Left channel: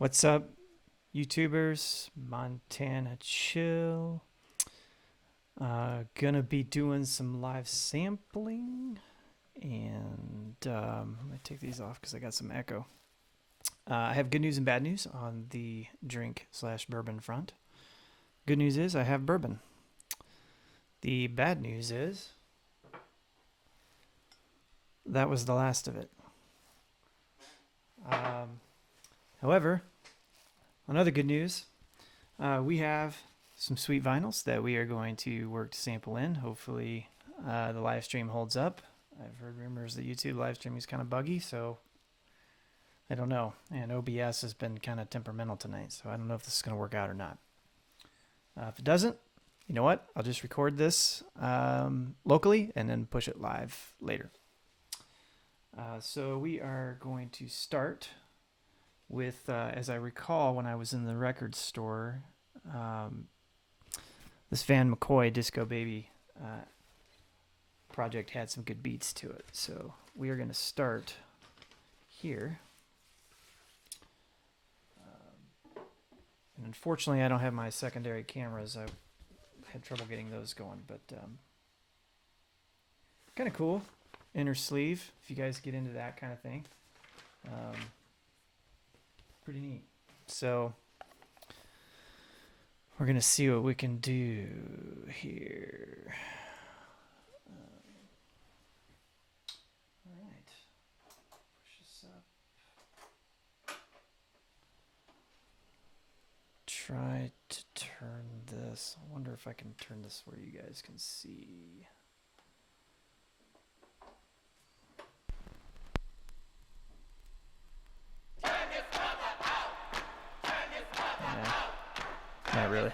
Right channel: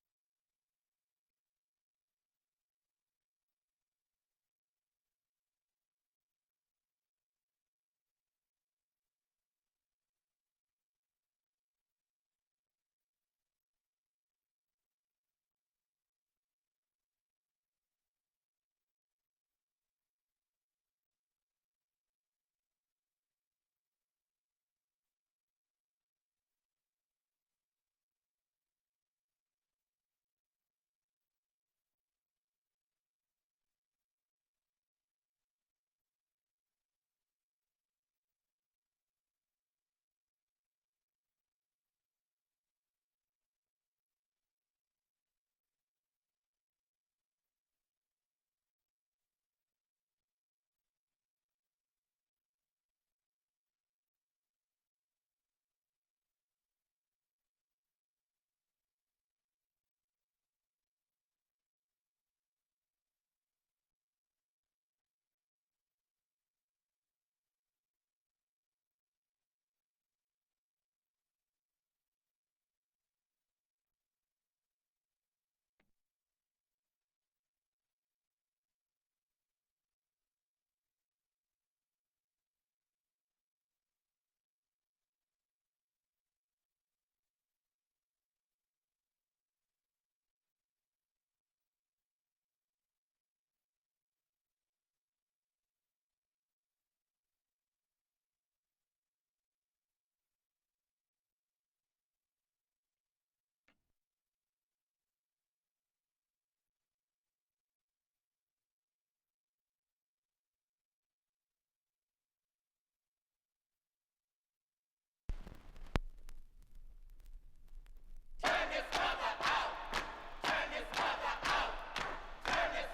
What's up, YouTubers? MontanaChill. Gonna be doing some live sampling, and I'm gonna take these off because I got some echo. I have good news and bad news on the drink/bourbon front. Good news is I have bourbon. The bad news is that was the last of it. However, on other good news, we have some sweet vinyls that we are going to work to sample in. Hopefully, the live stream holds up. I've heard rumors that YouTube live stream is kind of buggy, so I don't know. And OBS has been kind of temperamental tonight, so I don't know if this is going to work out or not. If it doesn't, you know what? I'll just record this locally and then push it live later. So we are going to start with, as I recall, when I was in the record store, this Van McCoy Disco Baby project had some good beats to it. So we are going to start here. And unfortunately, I don't have my secondary cameras. I had trouble getting those going, but kind of cool. Inner sleeve, if you guys get into that kind of thing. Pretty neat. So we're going to see what we can do here. All right. Push this up. Try to turn this. I wonder if I can turn this where you guys can see. Not really.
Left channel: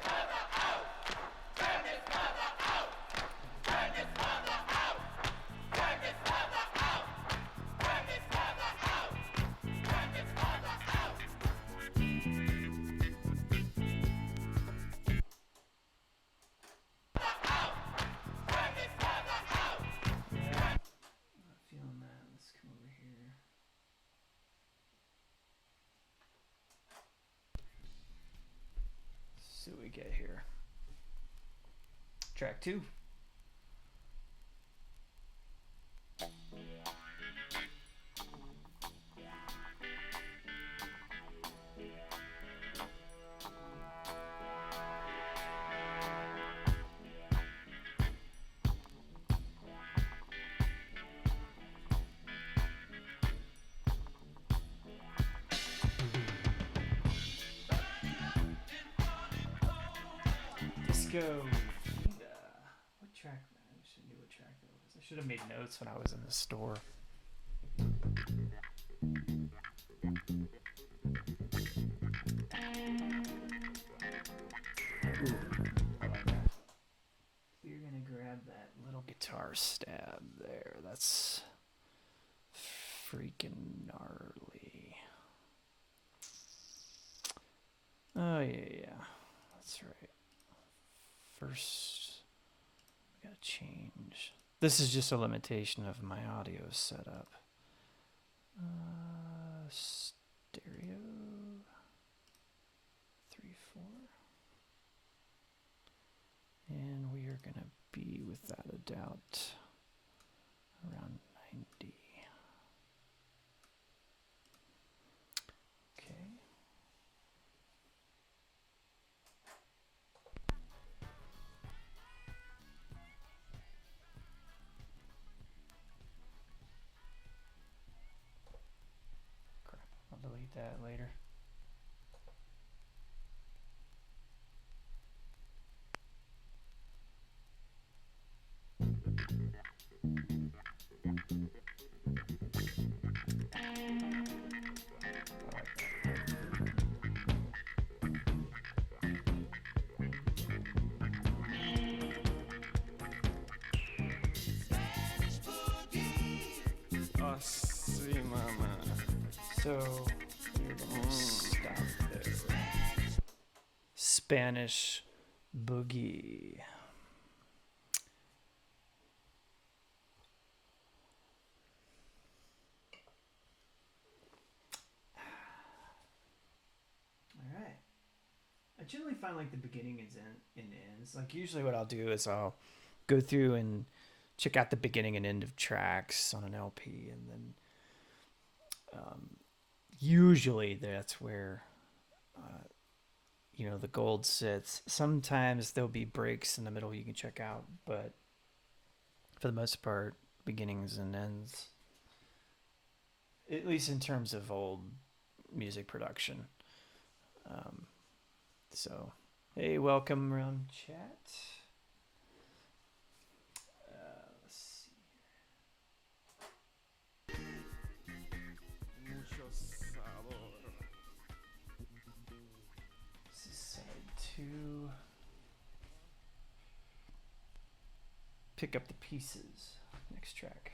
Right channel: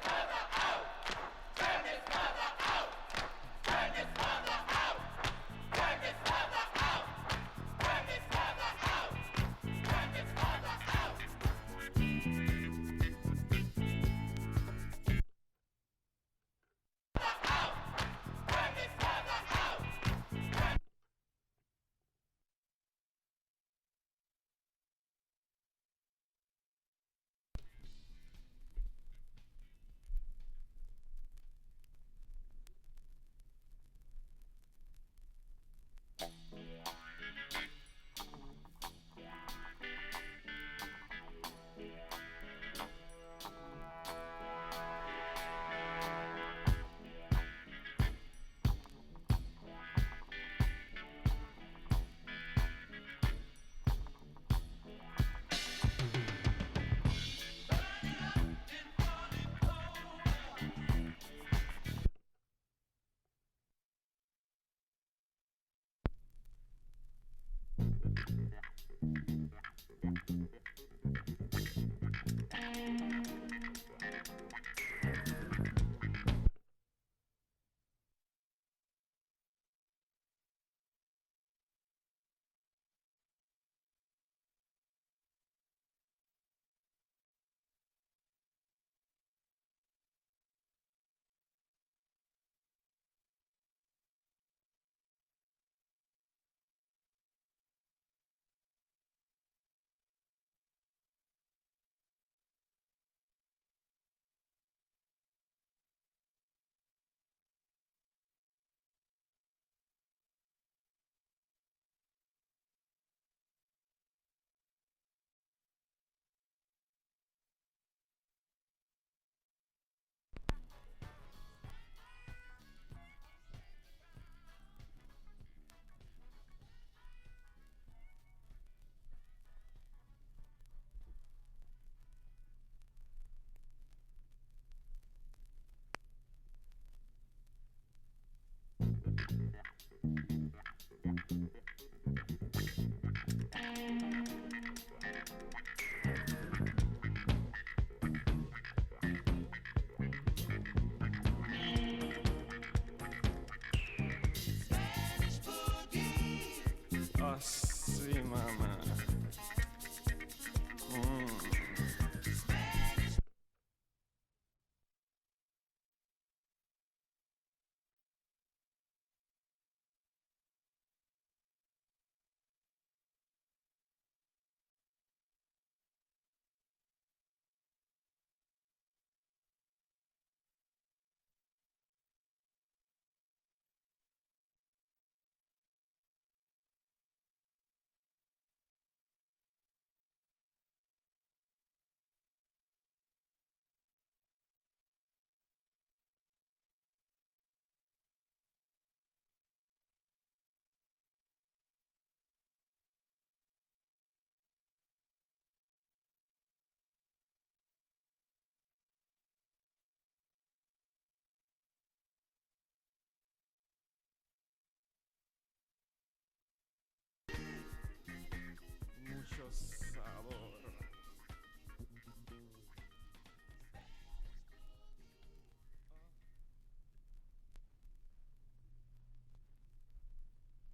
Feeling that. Let's come over here. Let's see what we get here. Track 2. Let's go. What track? I should knew what track that was. I should have made notes when I was in the store. You're gonna grab that little guitar stab there. That's freaking gnarly. Oh yeah. That's right. First, we gotta change. This is just a limitation of my audio setup. Stereo 3, 4. And we are gonna be, without a doubt, around 90. Okay. Crap, I'll delete that later. Oh, sí, mamá. So, Spanish Boogie. generally find like the beginning and ends. Like usually what I'll do is I'll go through and check out the beginning and end of tracks on an LP, and then usually that's where the gold sits. Sometimes there'll be breaks in the middle you can check out, but for the most part, beginnings and ends. At least in terms of old music production. So, hey, welcome around chat. Let's see. Mucho sabor. This is side 2. Pick up the pieces. Next track.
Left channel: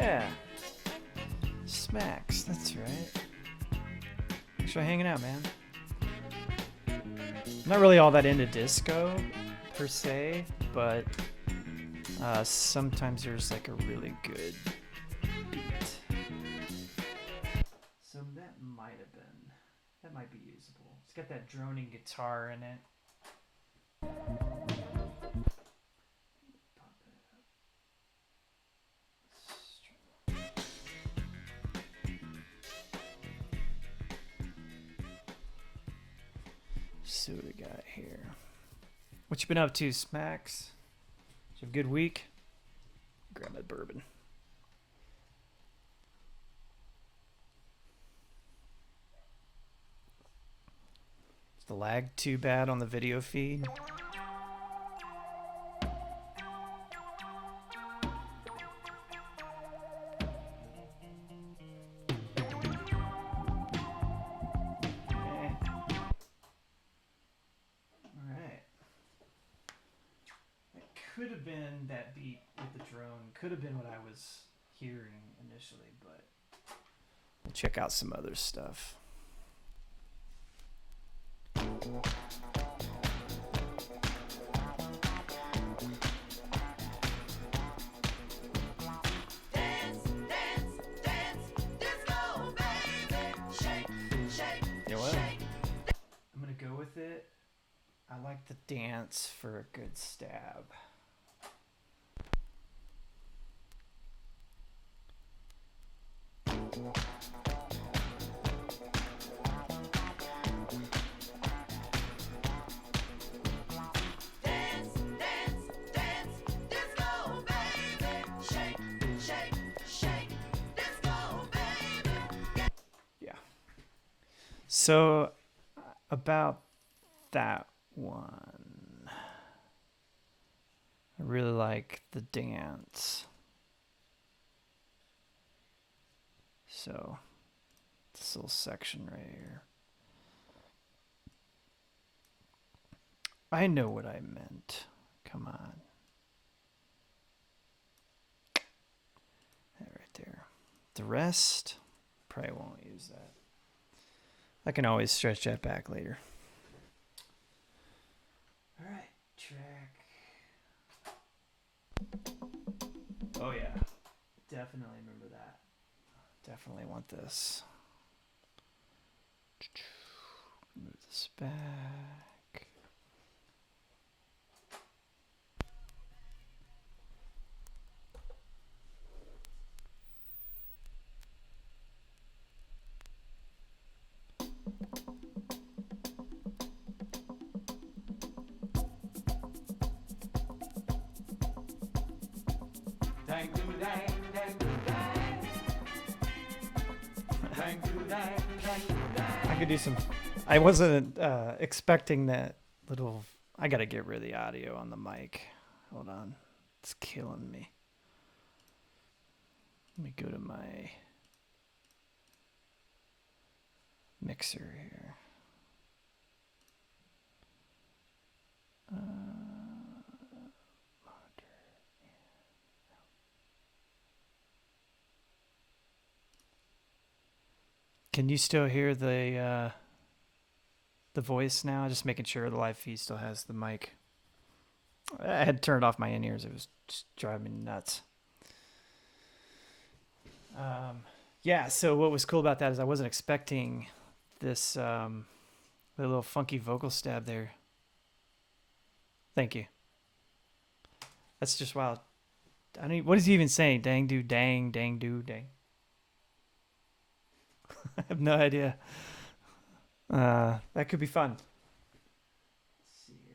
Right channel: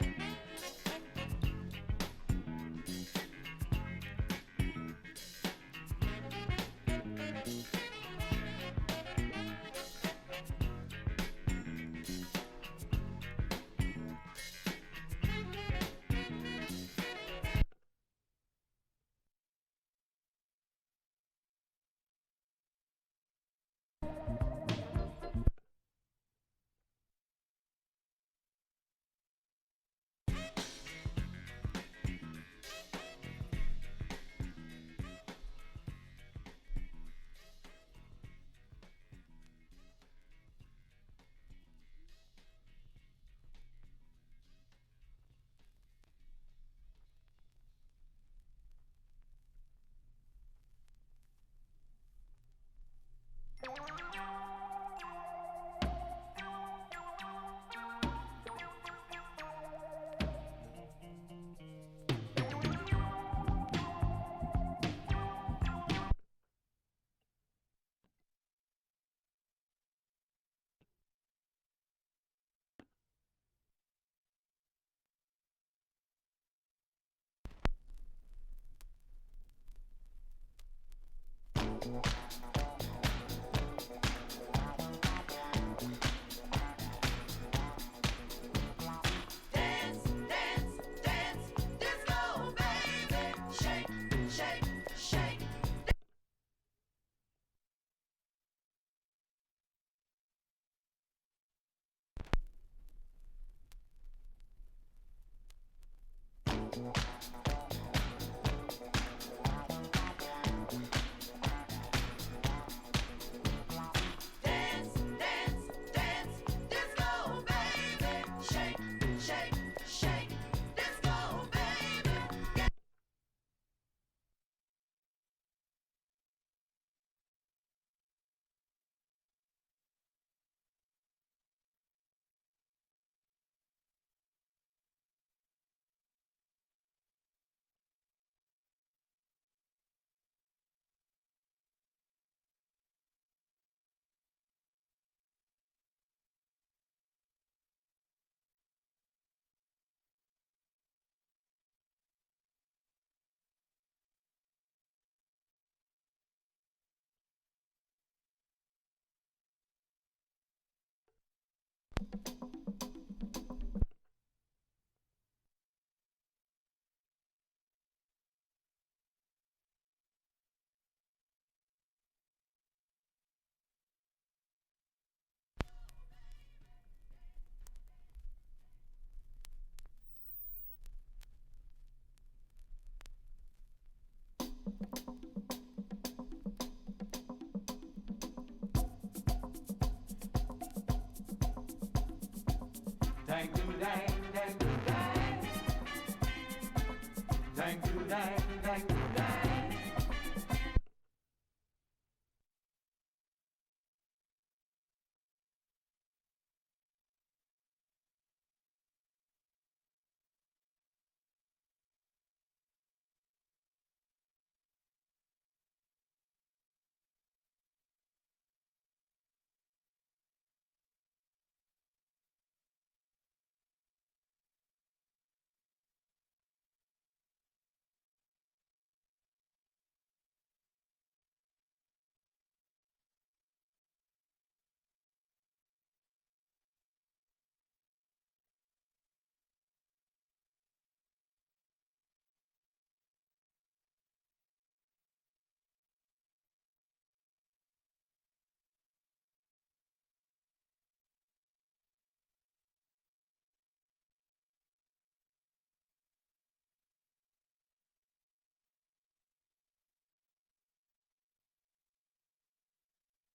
Yeah. Smacks, that's right. Thanks for hanging out, man. I'm not really all that into disco, per se, but sometimes there's like a really good beat. So that might be usable. It's got that droning guitar in it. See what we got here. What you been up to, Smacks? Did you have a good week? Grab my bourbon. Is the lag too bad on the video feed? Could have been that beat with the drone. Could have been what I was hearing initially, but we'll check out some other stuff. I'm gonna go with it. I like the dance for a good stab. Yeah. So about that one, I really like the dance. So this little section right here. I know what I meant. Come on. That right there. The rest, probably won't use that. I can always stretch that back later. All right, track. Oh yeah, definitely remember that. Definitely want this. Move this back. I could do some. I wasn't expecting that little. I gotta get rid of the audio on the mic. Hold on, it's killing me. Let me go to my mixer here. Can you still hear the voice now? Just making sure the live feed still has the mic. I had turned off my in-ears. It was just driving me nuts. Yeah, so what was cool about that is I wasn't expecting this the little funky vocal stab there. Thank you. That's just wild. I mean, what is he even saying? Dang do dang, dang do dang. I have no idea. That could be fun. Let's see here.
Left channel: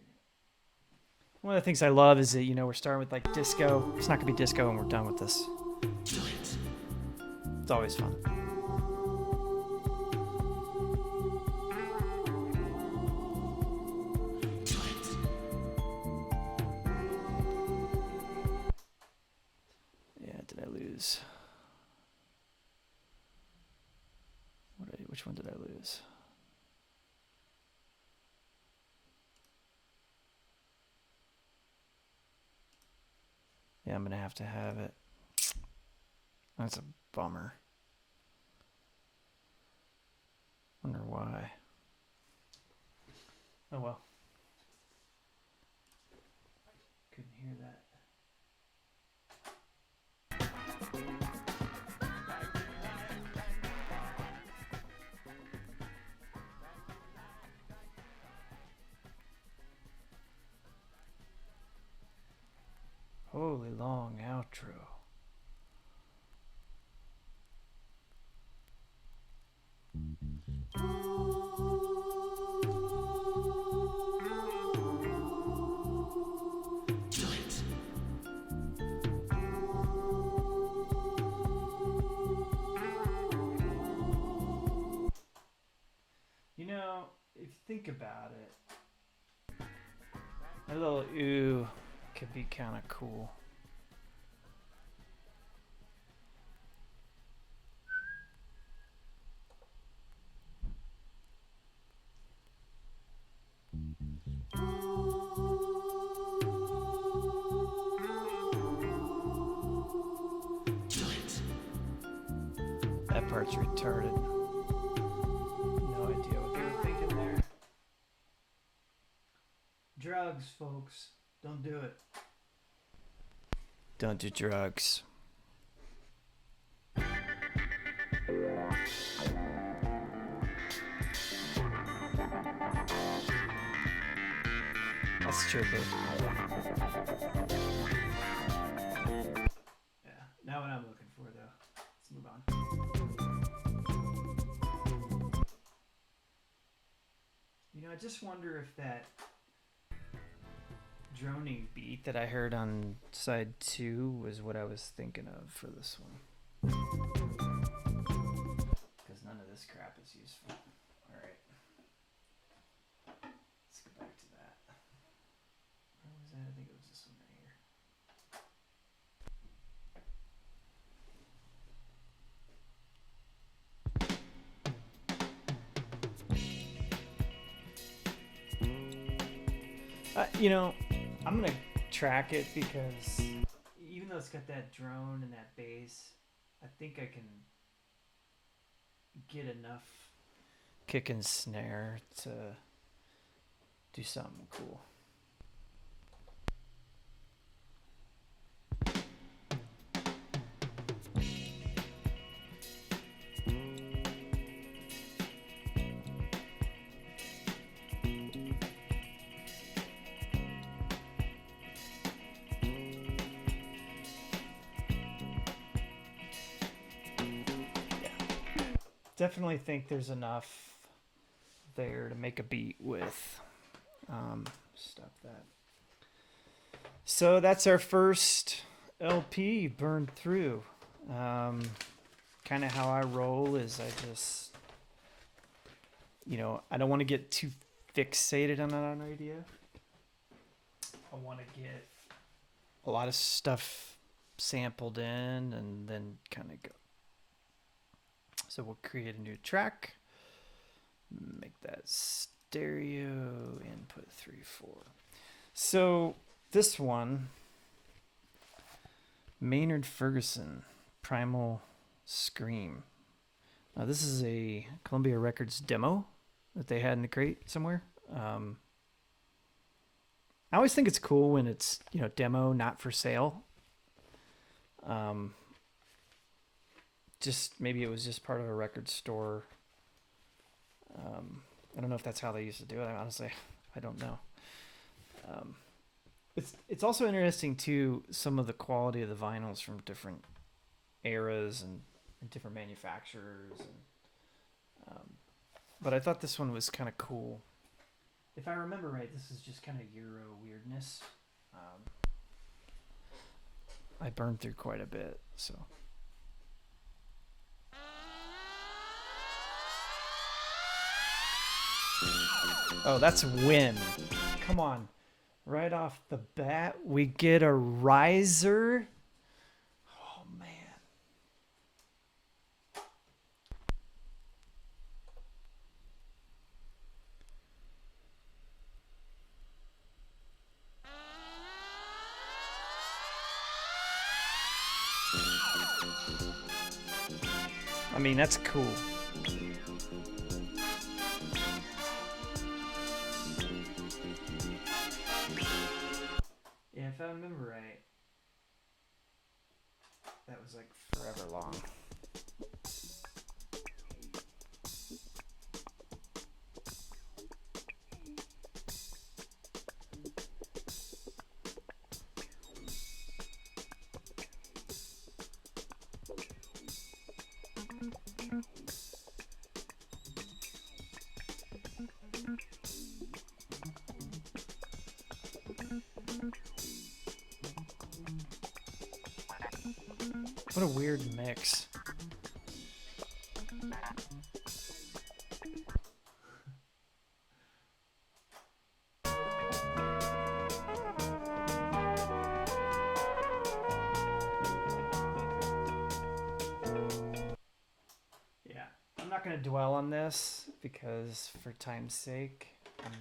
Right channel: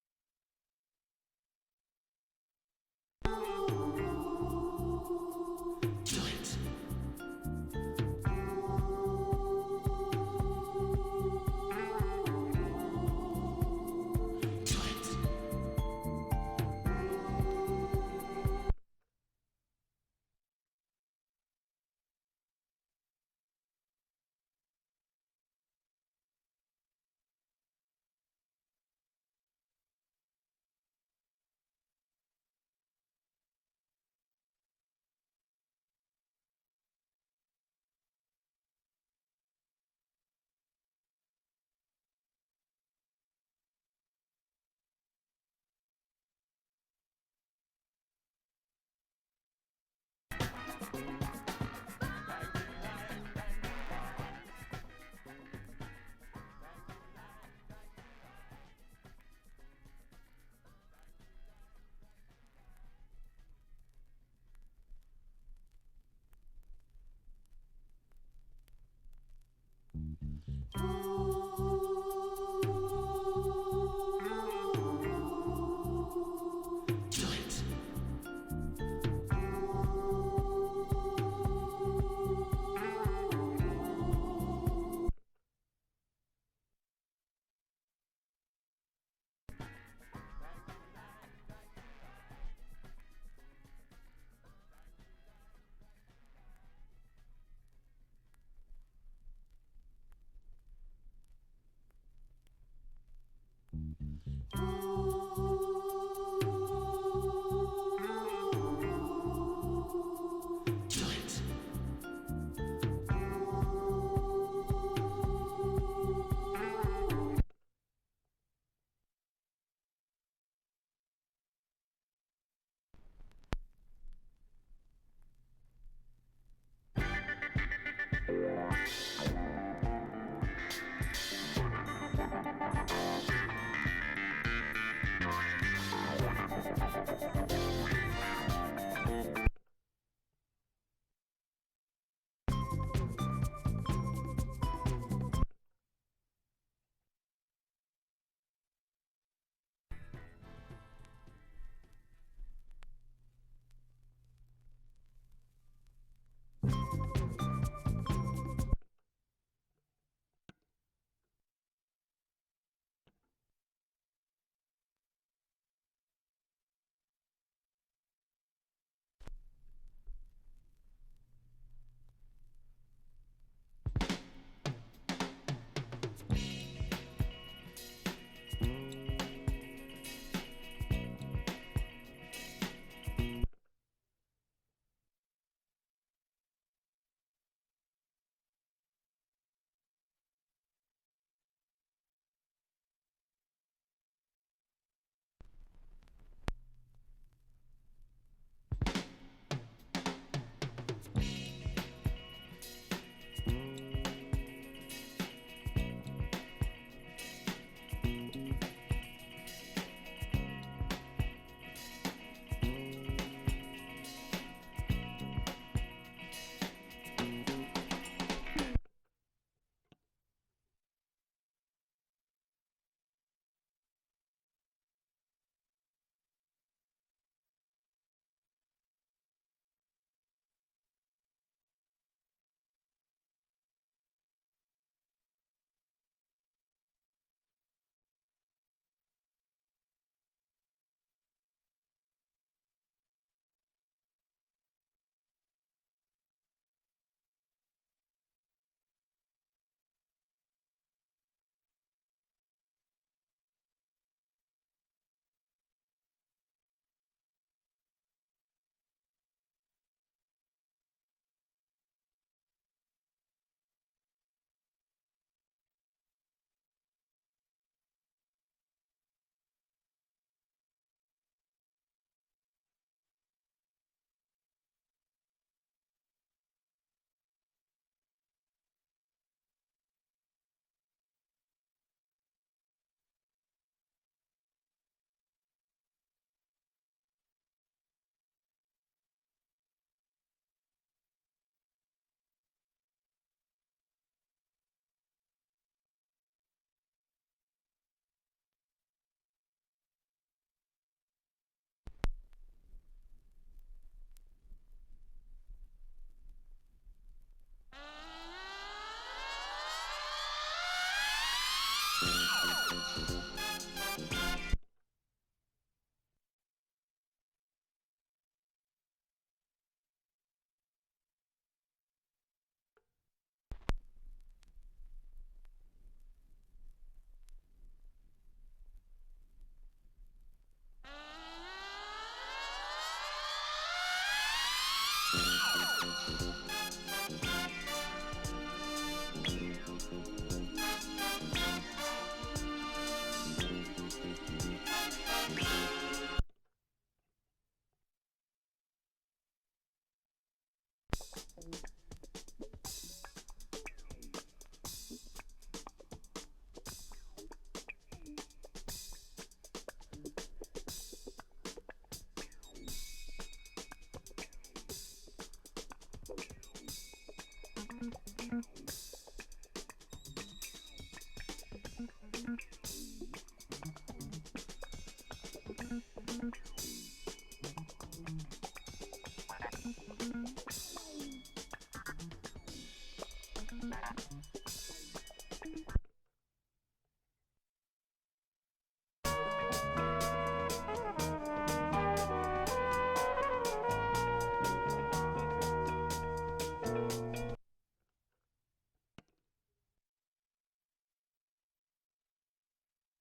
One of the things I love is that, we're starting with like disco. It's not gonna be disco when we're done with this. It's always fun. Yeah, did I lose? Which one did I lose? Yeah, I'm gonna have to have it. That's a bummer. Wonder why. Oh well. Couldn't hear that. Holy long outro. If you think about it, a little ooh could be kind of cool. That part's retarded. No idea what they're thinking there. Drugs, folks. Don't do it. Don't do drugs. That's true. Yeah, not what I'm looking for though. Let's move on. I just wonder if that droning beat that I heard on side 2 was what I was thinking of for this one. Because none of this crap is useful. Alright. Let's go back to that. Where was that? I think it was this one right here. I'm going to track it because even though it's got that drone and that bass, I think I can get enough kick and snare to do something cool. Definitely think there's enough there to make a beat with. Stop that. So that's our first LP burned through. Kind of how I roll is I just, I don't want to get too fixated on an idea. I want to get a lot of stuff sampled in and then kind of go. So we'll create a new track, make that stereo input 3-4. So this one, Maynard Ferguson, Primal Scream. This is a Columbia Records demo that they had in the crate somewhere. I always think it's cool when it's, demo, not for sale. Just maybe it was just part of a record store. I don't know if that's how they used to do it. Honestly, I don't know. It's also interesting too, some of the quality of the vinyls from different eras and different manufacturers. But I thought this one was kind of cool. If I remember right, this is just kind of Euro weirdness. I burned through quite a bit, so. Oh, that's wind. Come on. Right off the bat, we get a riser. Oh, man. I mean, that's cool. Yeah, if I remember right, that was like forever long. What a weird mix. Yeah, I'm not going to dwell on this because for time's sake, I'm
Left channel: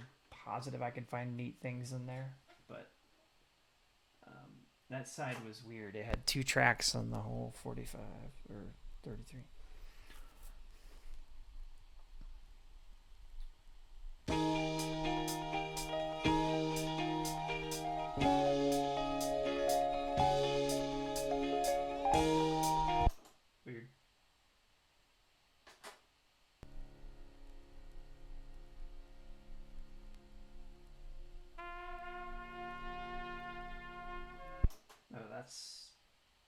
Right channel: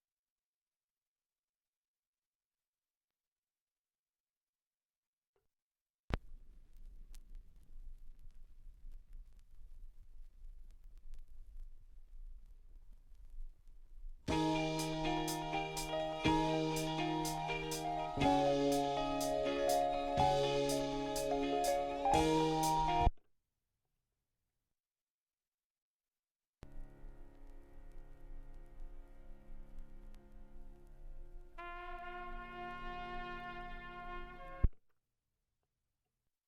positive I can find neat things in there, but that side was weird. It had 2 tracks on the whole 45 or 33. Weird. Oh, that's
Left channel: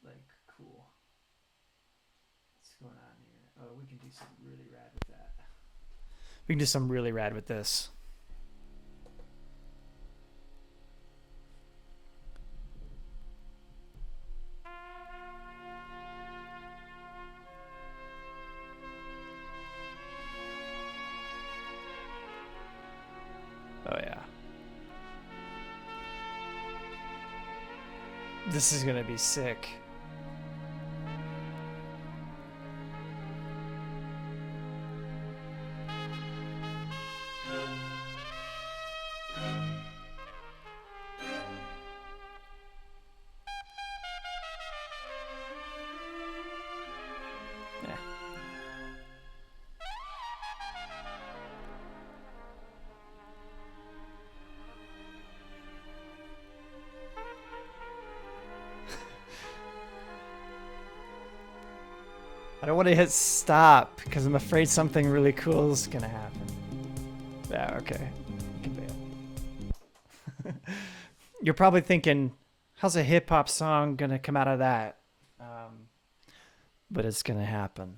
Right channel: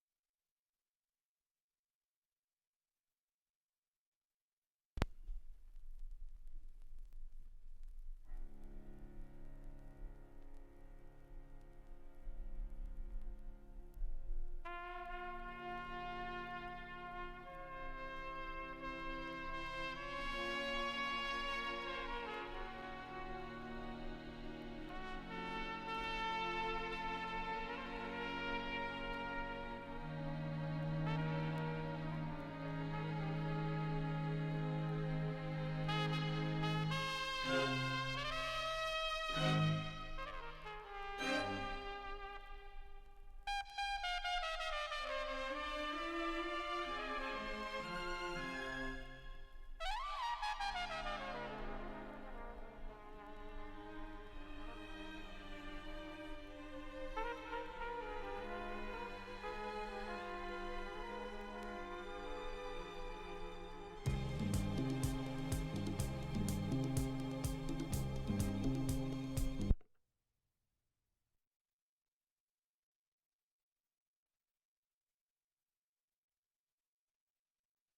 like cool. What's going on here? Oh, we can do something really rad with that. We can do something really rad with this. Oh, yeah. This is going to be sick. I don't want to hit stop because I'm afraid something really cool is going to happen. Yeah, okay. You're probably thinking, how's a hip hop song going to come out of that? But it's going to happen.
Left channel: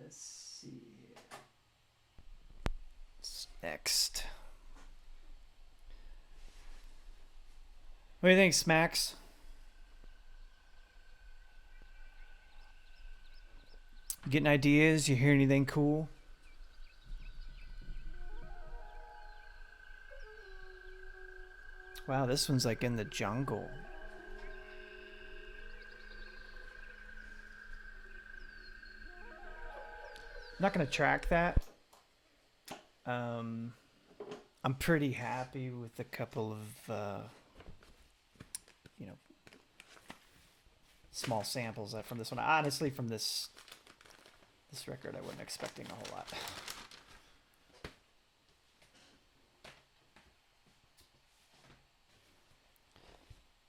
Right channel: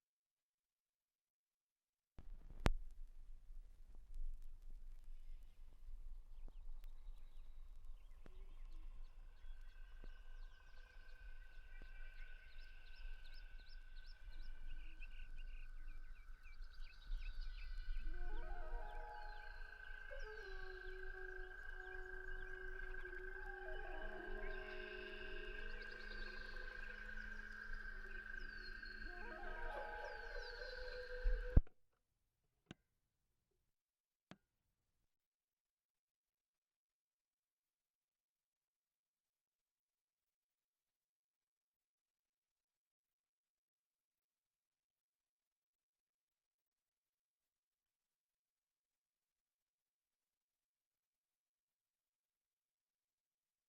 Let's see here. What's next? What do you think, Smacks? You getting ideas? You hear anything cool? Wow, this one's like in the jungle. I'm not gonna track that. I'm pretty happy with a couple of small samples from this one. Honestly, from this This record I wasn't expecting a whole lot.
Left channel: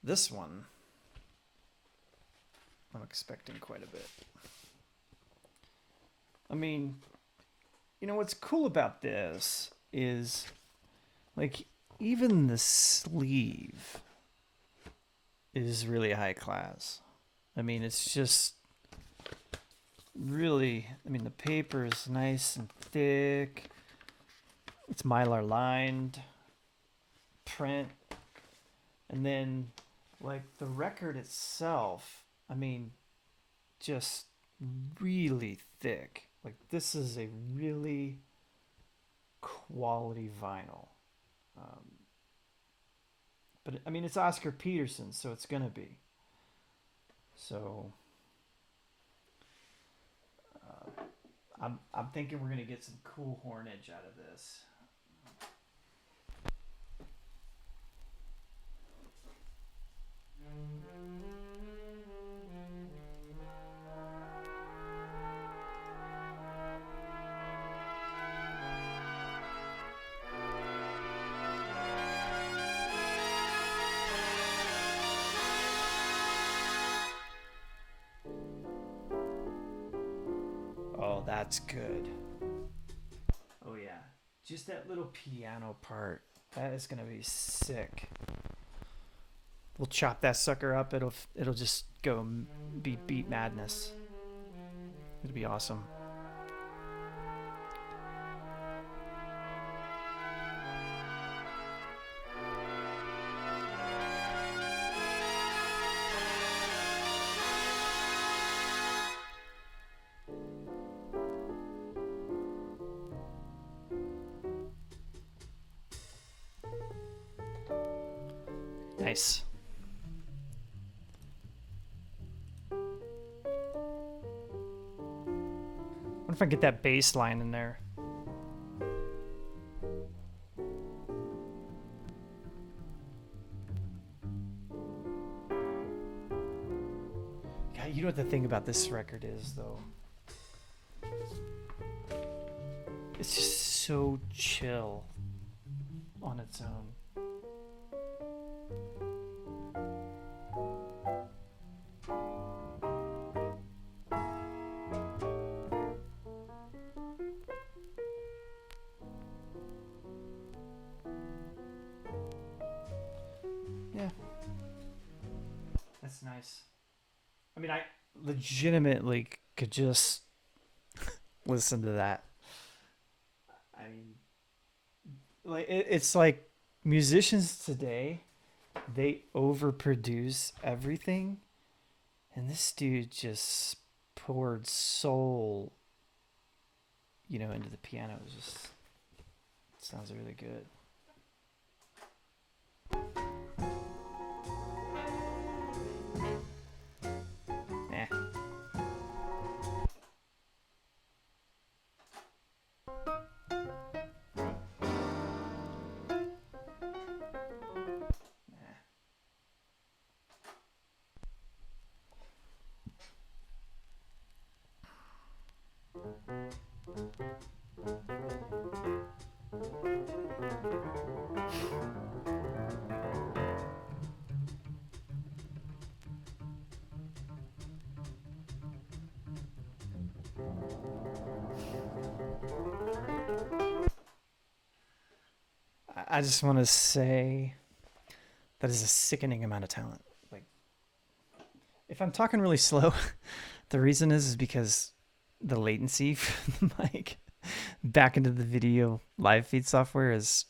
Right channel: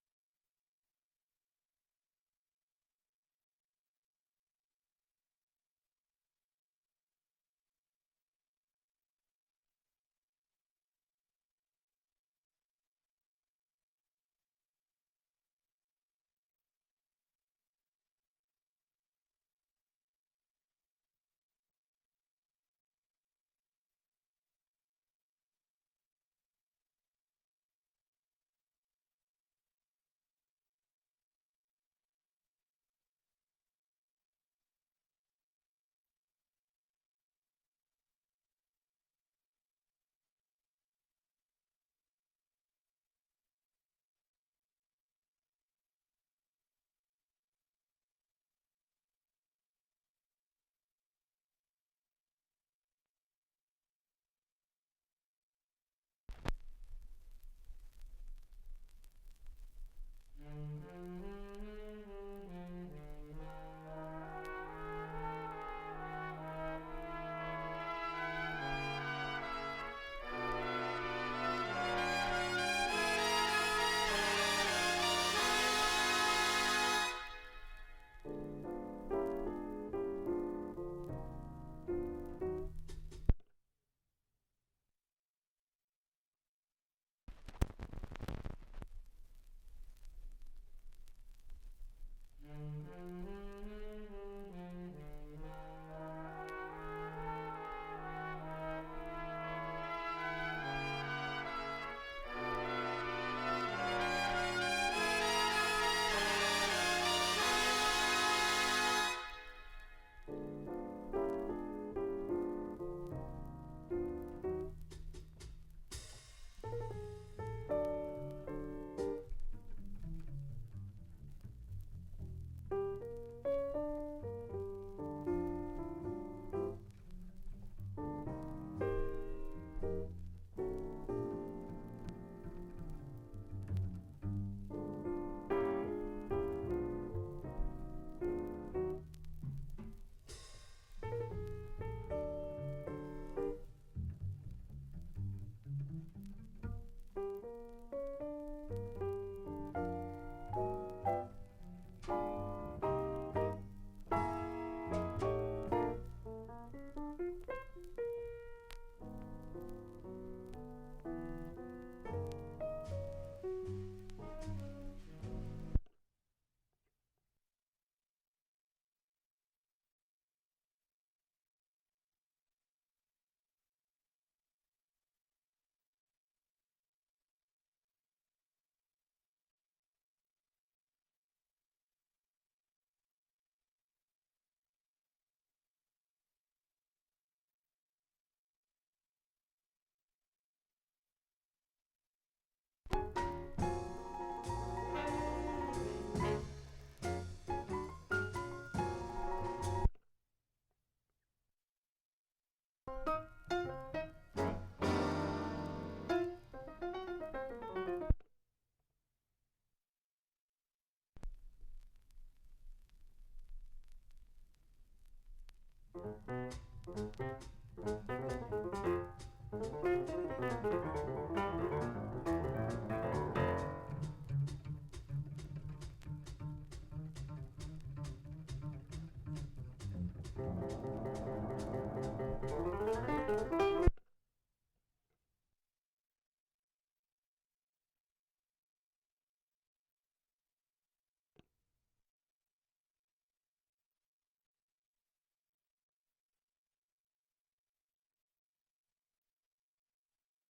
This one, I'm expecting quite a bit. I mean, you know what's cool about this is, like, even the sleeve is really high class. I mean, it's just really, I mean, the paper is nice and thick. It's Mylar lined print. And then, like, the record itself, I mean, just really thick. Like, this is a really quality vinyl. But I mean, it's Oscar Peterson, so it's gonna be. So I'm thinking we're gonna get some cool hornage out of this. Oh, that's good. Oh yeah, just that little piano part. That is gonna be sick. We'll chop that sucker up. It'll just go beat madness. It'll be awesome. Nice. What if I get that bass line in there? God, you know what the thing about this record is, though? It's just so chill on its own. Yeah. That's nice. I mean, I legitimately could just listen to that. I mean, like it's like musicians today, they overproduce everything, and this dude just poured soul, into the piano. It just sounds really good. I just want to say that is a sickening amount of talent. Like, if I'm talking really slow, the reason is because the latency from the mic back into the video live feed software is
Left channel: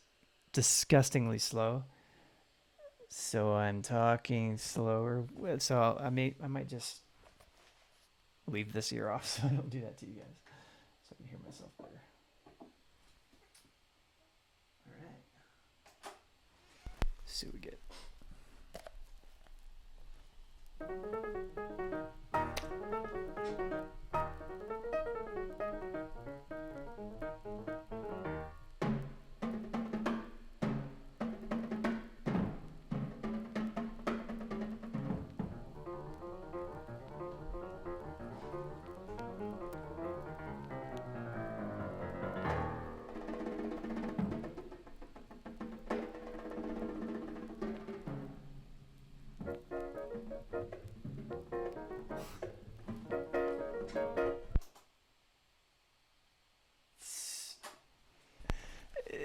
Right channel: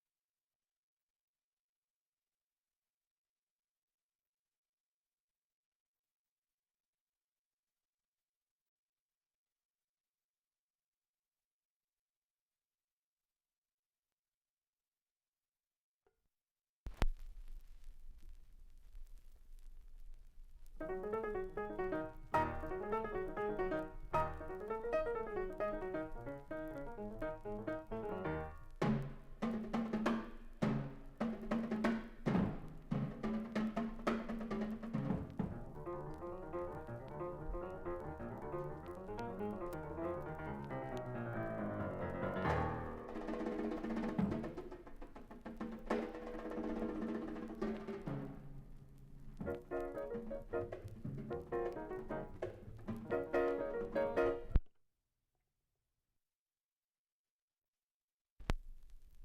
disgustingly slow. So I'm talking slower. So I might just leave this ear off so I don't do that to you guys, so I can hear myself better. All right. Let's see what we get.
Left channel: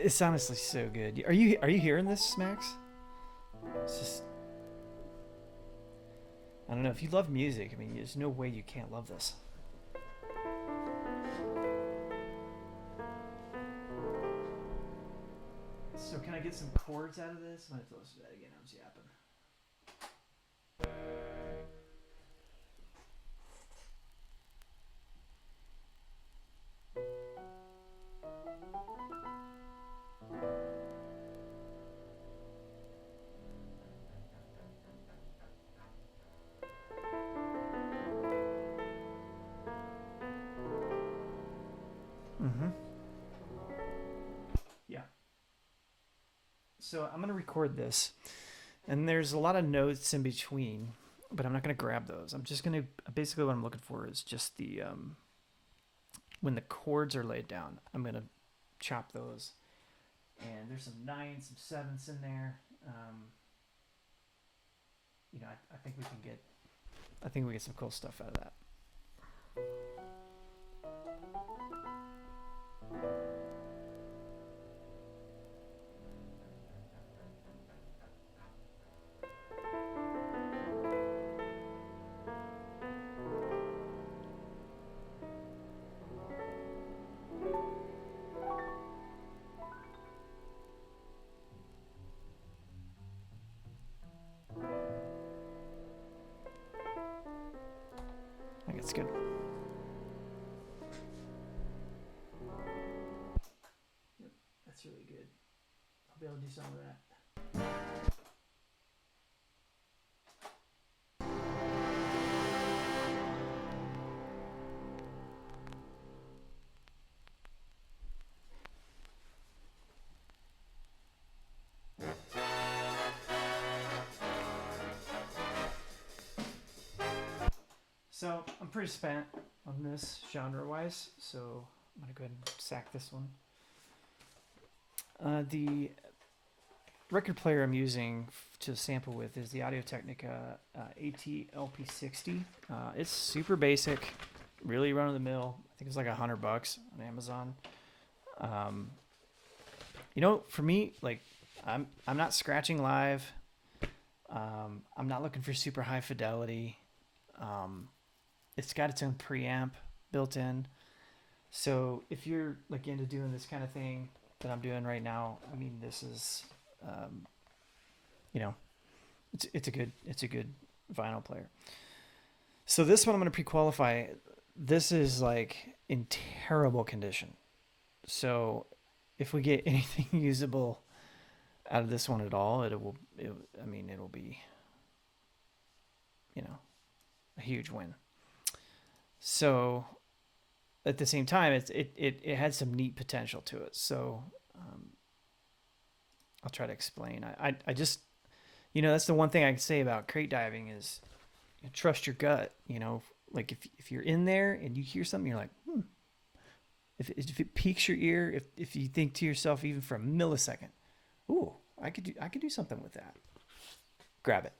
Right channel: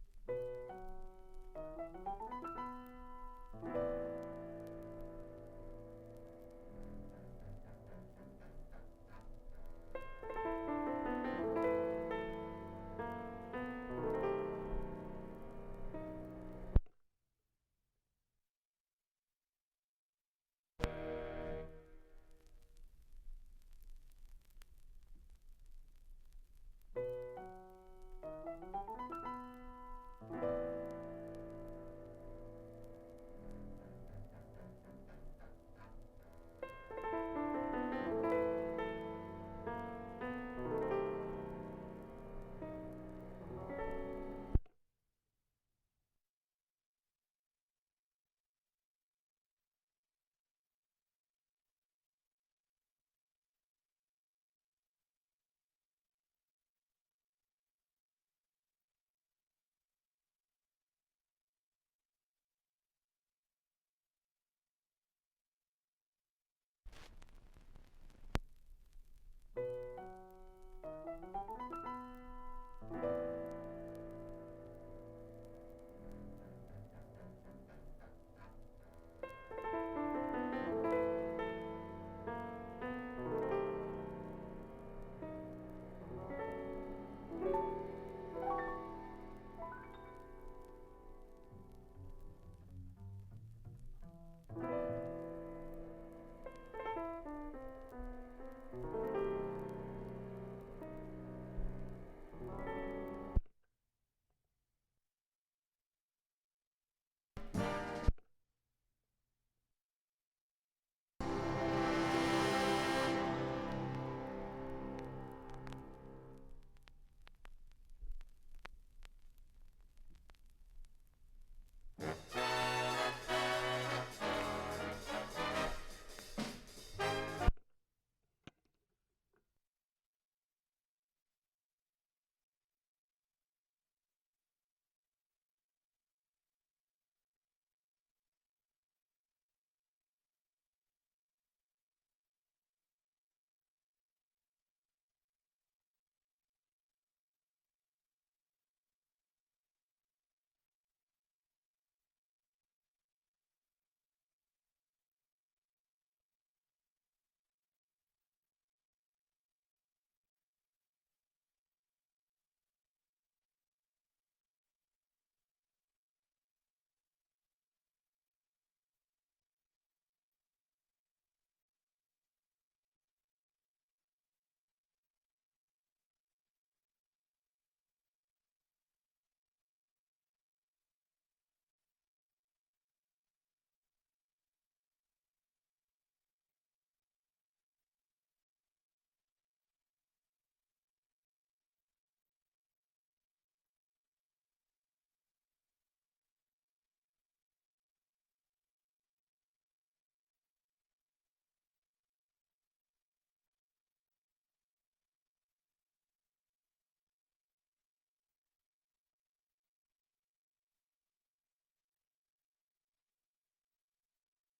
It's honestly so good. Are you hearing this, Max? It's just, I don't know. If you love music, I mean, there's no way you can't love this. So can I get some chords out of this? I'm gonna have to listen to that again. I was yapping. Mm-hmm. Yeah. So I'm gonna record this, and there's a lot of notes in between, but I'm not gonna grab those. I'm just gonna basically what I'm looking for is just the when the chords are laid down. I'm gonna chop those, and there's some nines, some sevenths in there. I think we can get. I think we get some cool stuff out of that. I think it's good. Yep, that's really good. I'll be able to do some of that. So I'm pretty spent on this genre-wise, so I'm gonna go ahead and sack this one. The record player I'm using to sample with is the Audio-Technica AT-LP60. It's super basic, really run-of-the-mill. I think it's like $100 on Amazon. For me, like I'm not scratching live. I'm not looking for super high fidelity. It's got its own preamp built in. So if you're like into doing this kind of thing that I'm doing right now, I mean, this is, it's a good vinyl player. So this one I'm going to pre-qualify. This is like in terrible condition. So if we get anything usable out of this one at all, it'll be, a huge win. So at the same time, it had some neat potential to it. So I'll try to explain. I just, that's the one thing I can say about crate diving is trust your gut. Like if you're in there and you hear something, you're like, if it piques your ear, if you think to yourself even for a millisecond, ooh, I could do something with that. Grab it,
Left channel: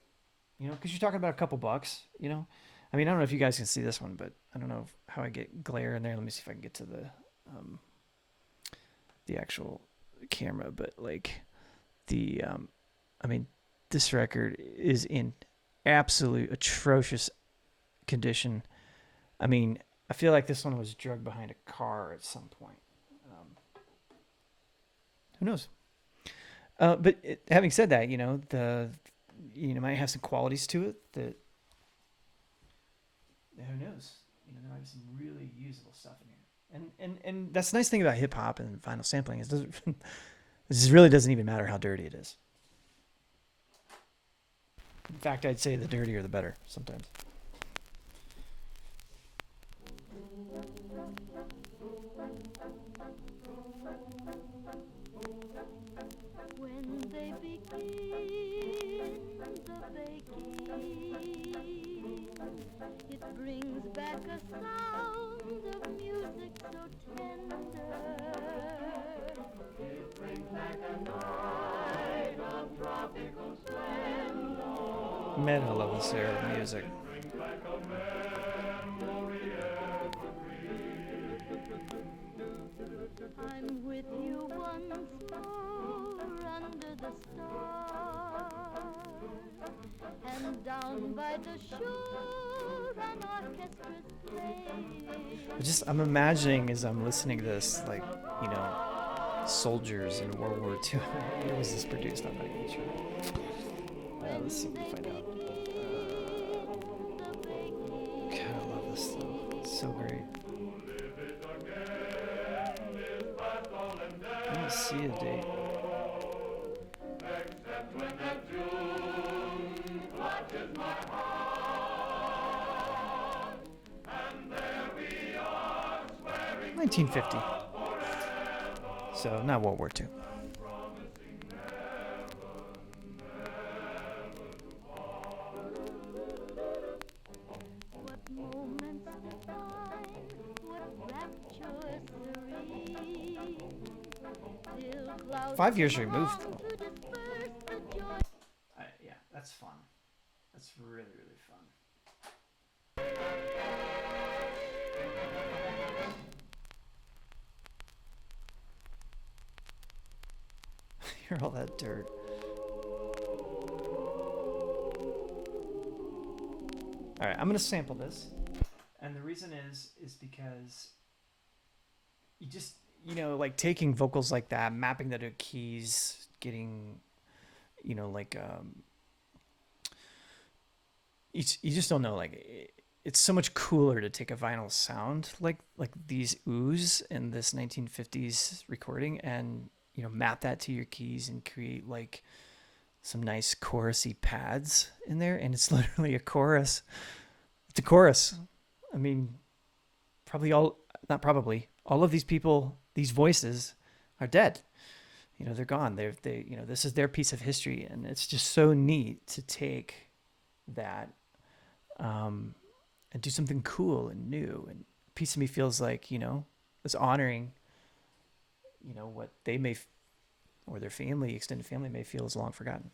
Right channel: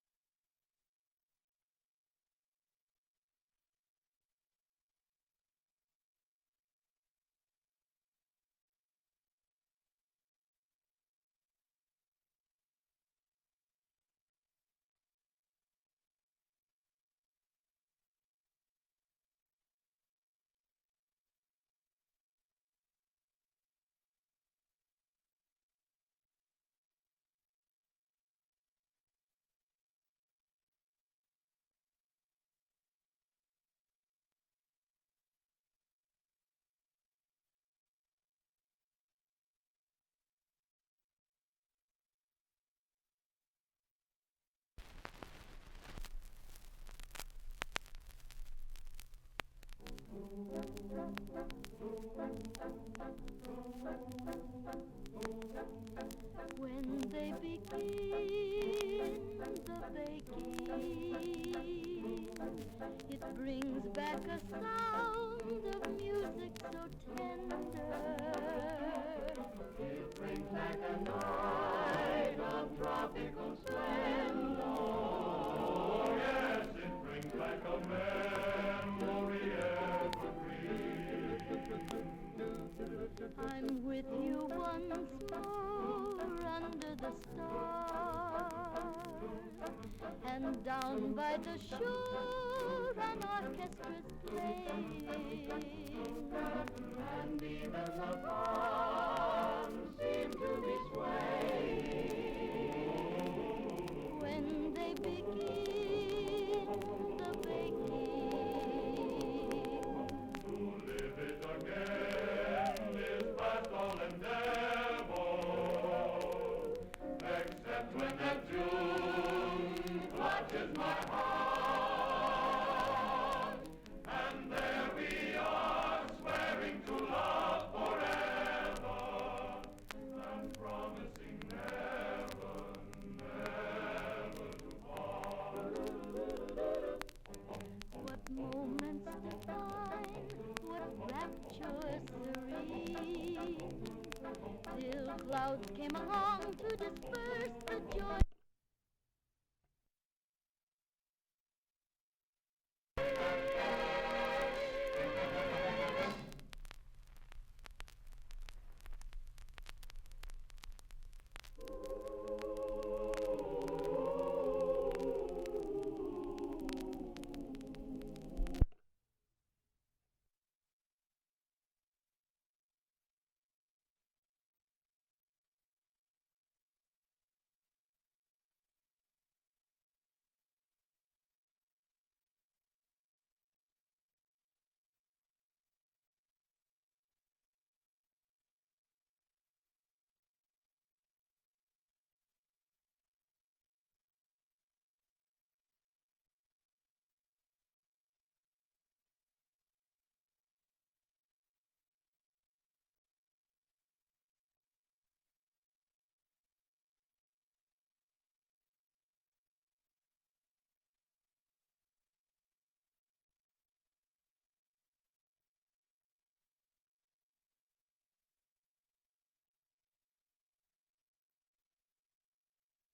because you're talking about a couple bucks. I mean, I don't know if you guys can see this one, but I don't know how I get glare in there. Let me see if I can get to the actual camera. But like this record is in absolute atrocious condition. I mean, I feel like this one was drugged behind a car at some point. Who knows? But having said that, might have some qualities to it that. Who knows? There might be some really usable stuff in here. And that's the nice thing about hip hop and vinyl sampling is this really doesn't even matter how dirty it is. In fact, I'd say the dirtier the better sometimes. When they begin the baking, it brings back a sound of music so tender. It brings back a night of tropical splendor. Meta levels here of music. It brings back a memory evergreen. I'm with you once more. the stars, and down by the shore an orchestra's playing. I'm imagining as I'm listening to this, like, soldiers in World War II. What was this produced on? When they begin the baking. God, I love this stuff. It's so great. I didn't see a date. When the June clutches my heart, and there we are swearing 1950. So not World War II. what moments divine, what rapture serene, till clouds 5 years come removed. along to disperse the joy. Yeah, that's fun. That's really, really fun. Hear all that dirt. All right, I'm gonna sample this, and the reason is because you just like taking vocals like that, mapping that to keys, getting like you just don't know, like it's so much cooler to take a vinyl sound like these oohs in this 1950s recording and map that to your keys and create like some nice chorusy pads in there, and it's literally a chorus. It's a chorus. I mean, all of these people, these voices are dead. They're gone. This is their piece of history, and it's just so neat to take that and do something cool and new. And a piece of me feels like it's honoring what they may or their family, extended family, may feel is long forgotten.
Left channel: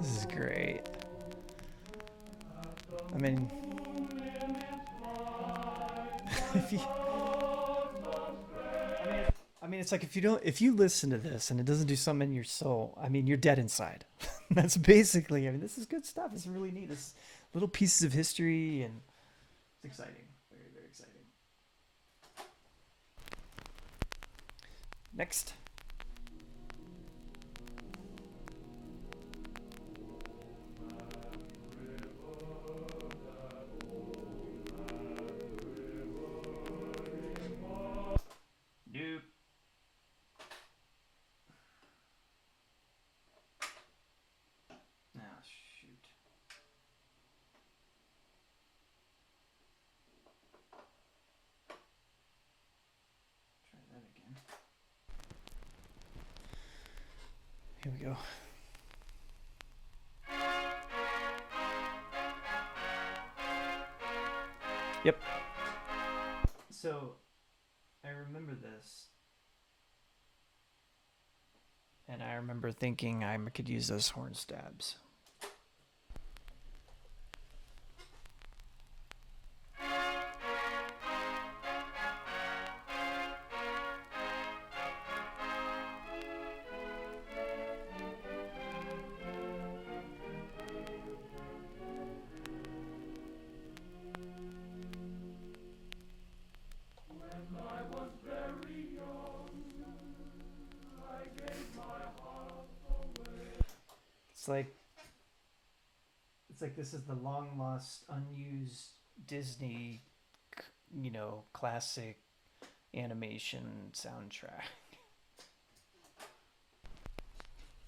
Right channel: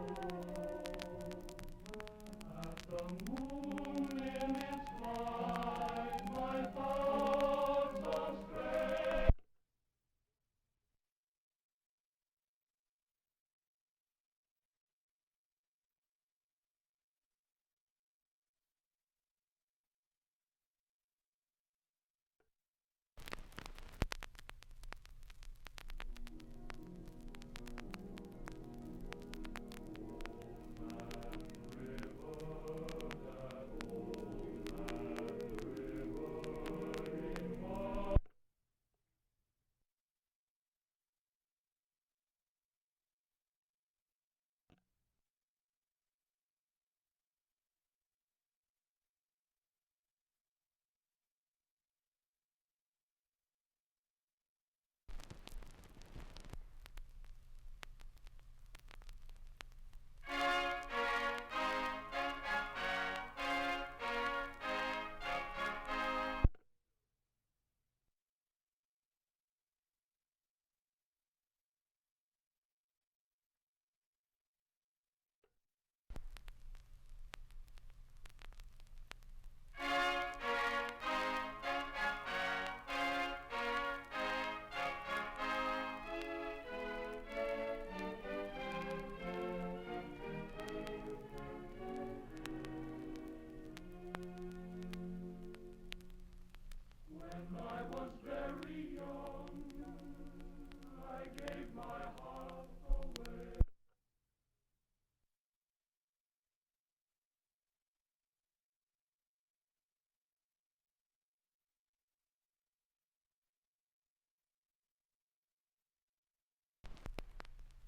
This is great. I mean, it's like if you listen to this and it doesn't do something in your soul, I mean, you're dead inside. That's basically, this is good stuff. It's really neat. It's little pieces of history, and it's exciting. Very, very exciting. Next. Nope. Ah, shoot. Try that again. Here we go. Yep. So, I remember this, and I remember thinking I could use those horn stabs. It's like this is the long lost, unused Disney, classic animation soundtrack.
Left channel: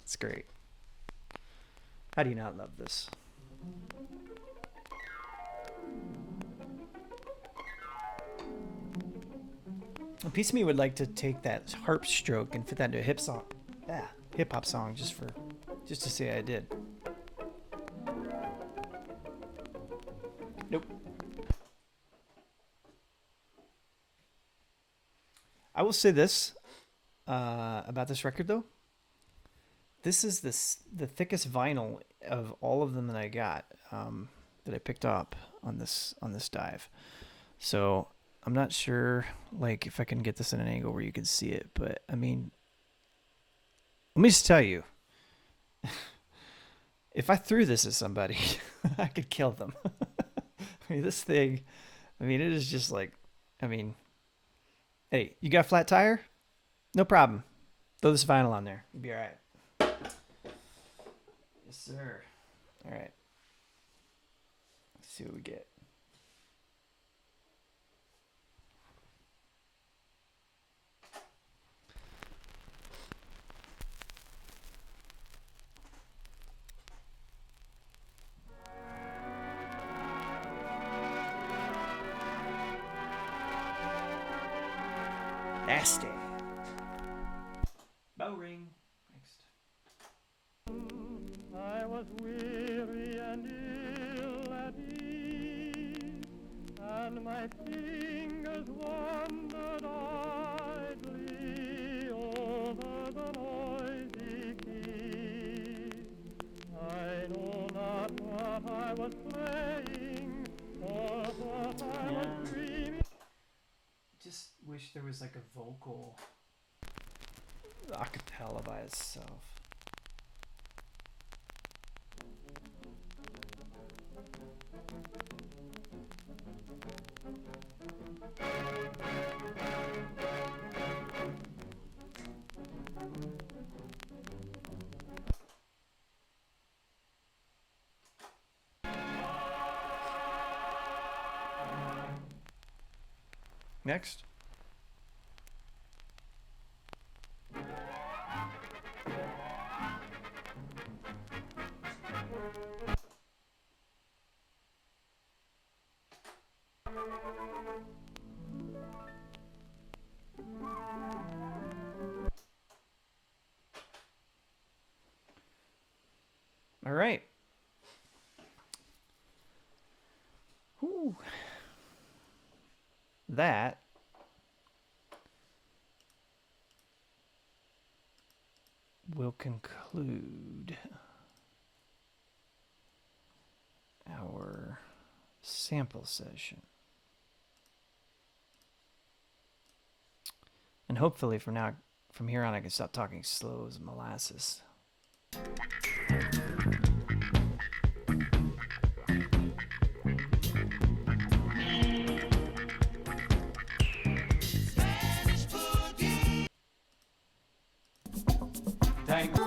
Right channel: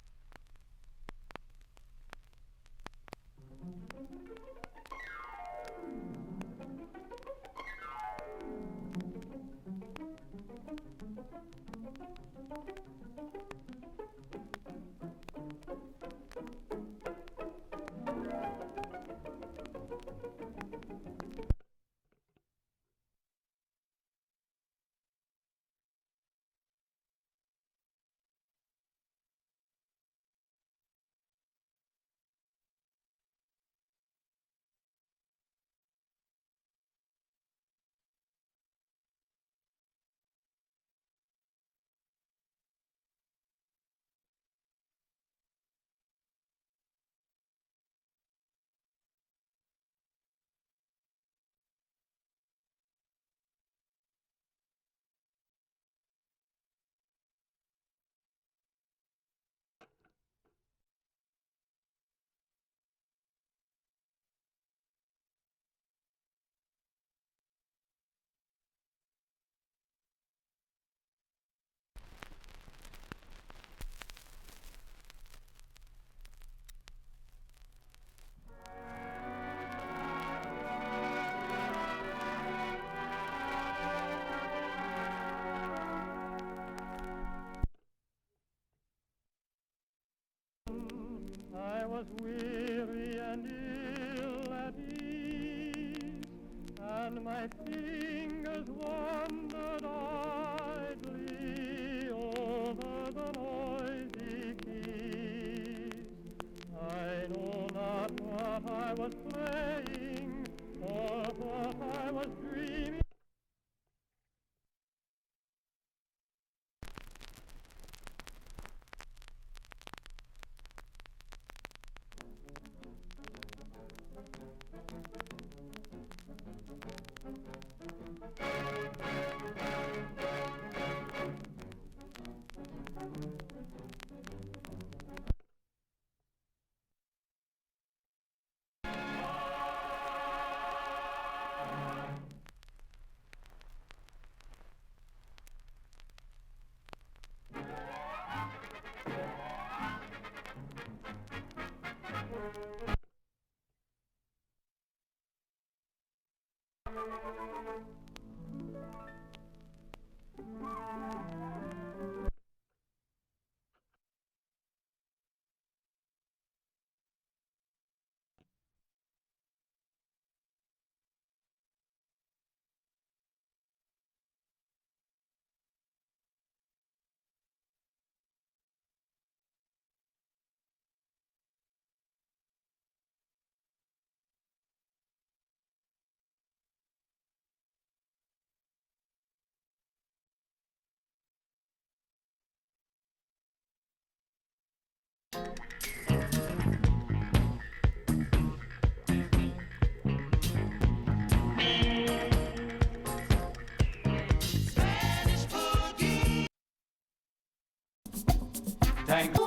It's great. How do you not love this? A piece of me would like to take that harp stroke and fit that into a hip song. Yeah. hip hop song just to say I did. Nope. I will say this about this record though. This is the thickest vinyl of all of them that I got that I picked up on this dive. So I'm not sure like if I can get this in an angle where you can see it, but I mean, let me just tell you, if I threw this at somebody, I could kill them. I mean, this thing, I mean, it is just like, I mean, hey, you got a flat tire? No problem. Throw this vinyl on there. You'll be all right. Yes, sir. All right. Let's see what we get. Nasty. Bow ring. Next. I was weary and ill at ease, and my fingers wandered idly over the noisy keys. I know not what I was playing or what I was dreaming. Just wish there was like a vocal acapella by itself. Next. All right. Ooh. That will conclude our sample session. And hopefully from here on I can stop talking slow as molasses. Thank you.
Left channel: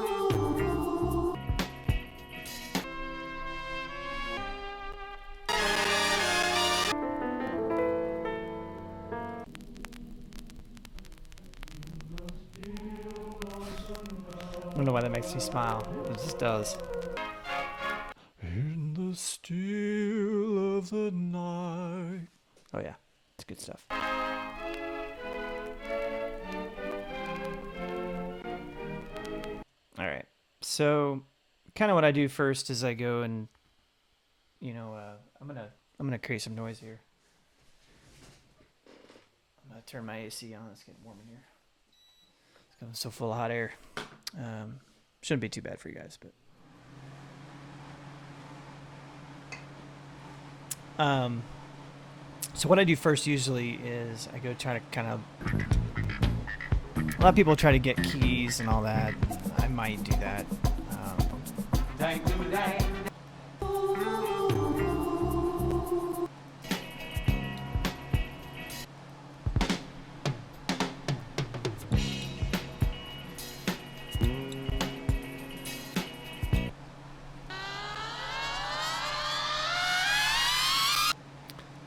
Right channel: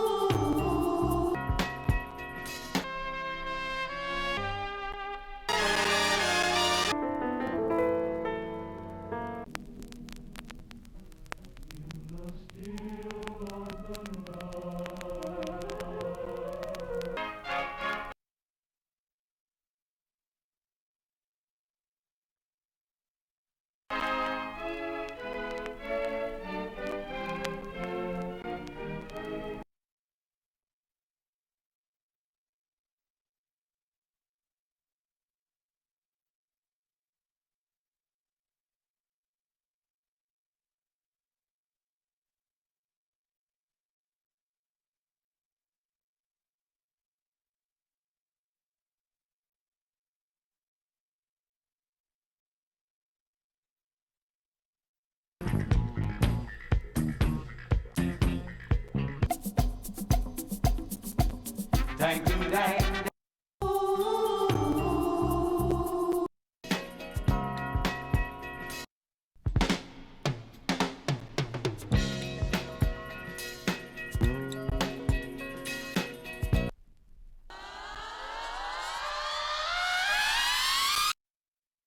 I don't know why that makes me smile. It just does. In the still of the night. Oh yeah, it's good stuff. All right. So, kind of what I do first is I go and, I'm gonna create some noise here. I'm gonna turn my AC on. It's getting warm in here. It's going so full of hot air. Shouldn't be too bad for you guys, but. So what I do first usually is I go try to kind of. A lot of people try to get keys and all that. I might do that.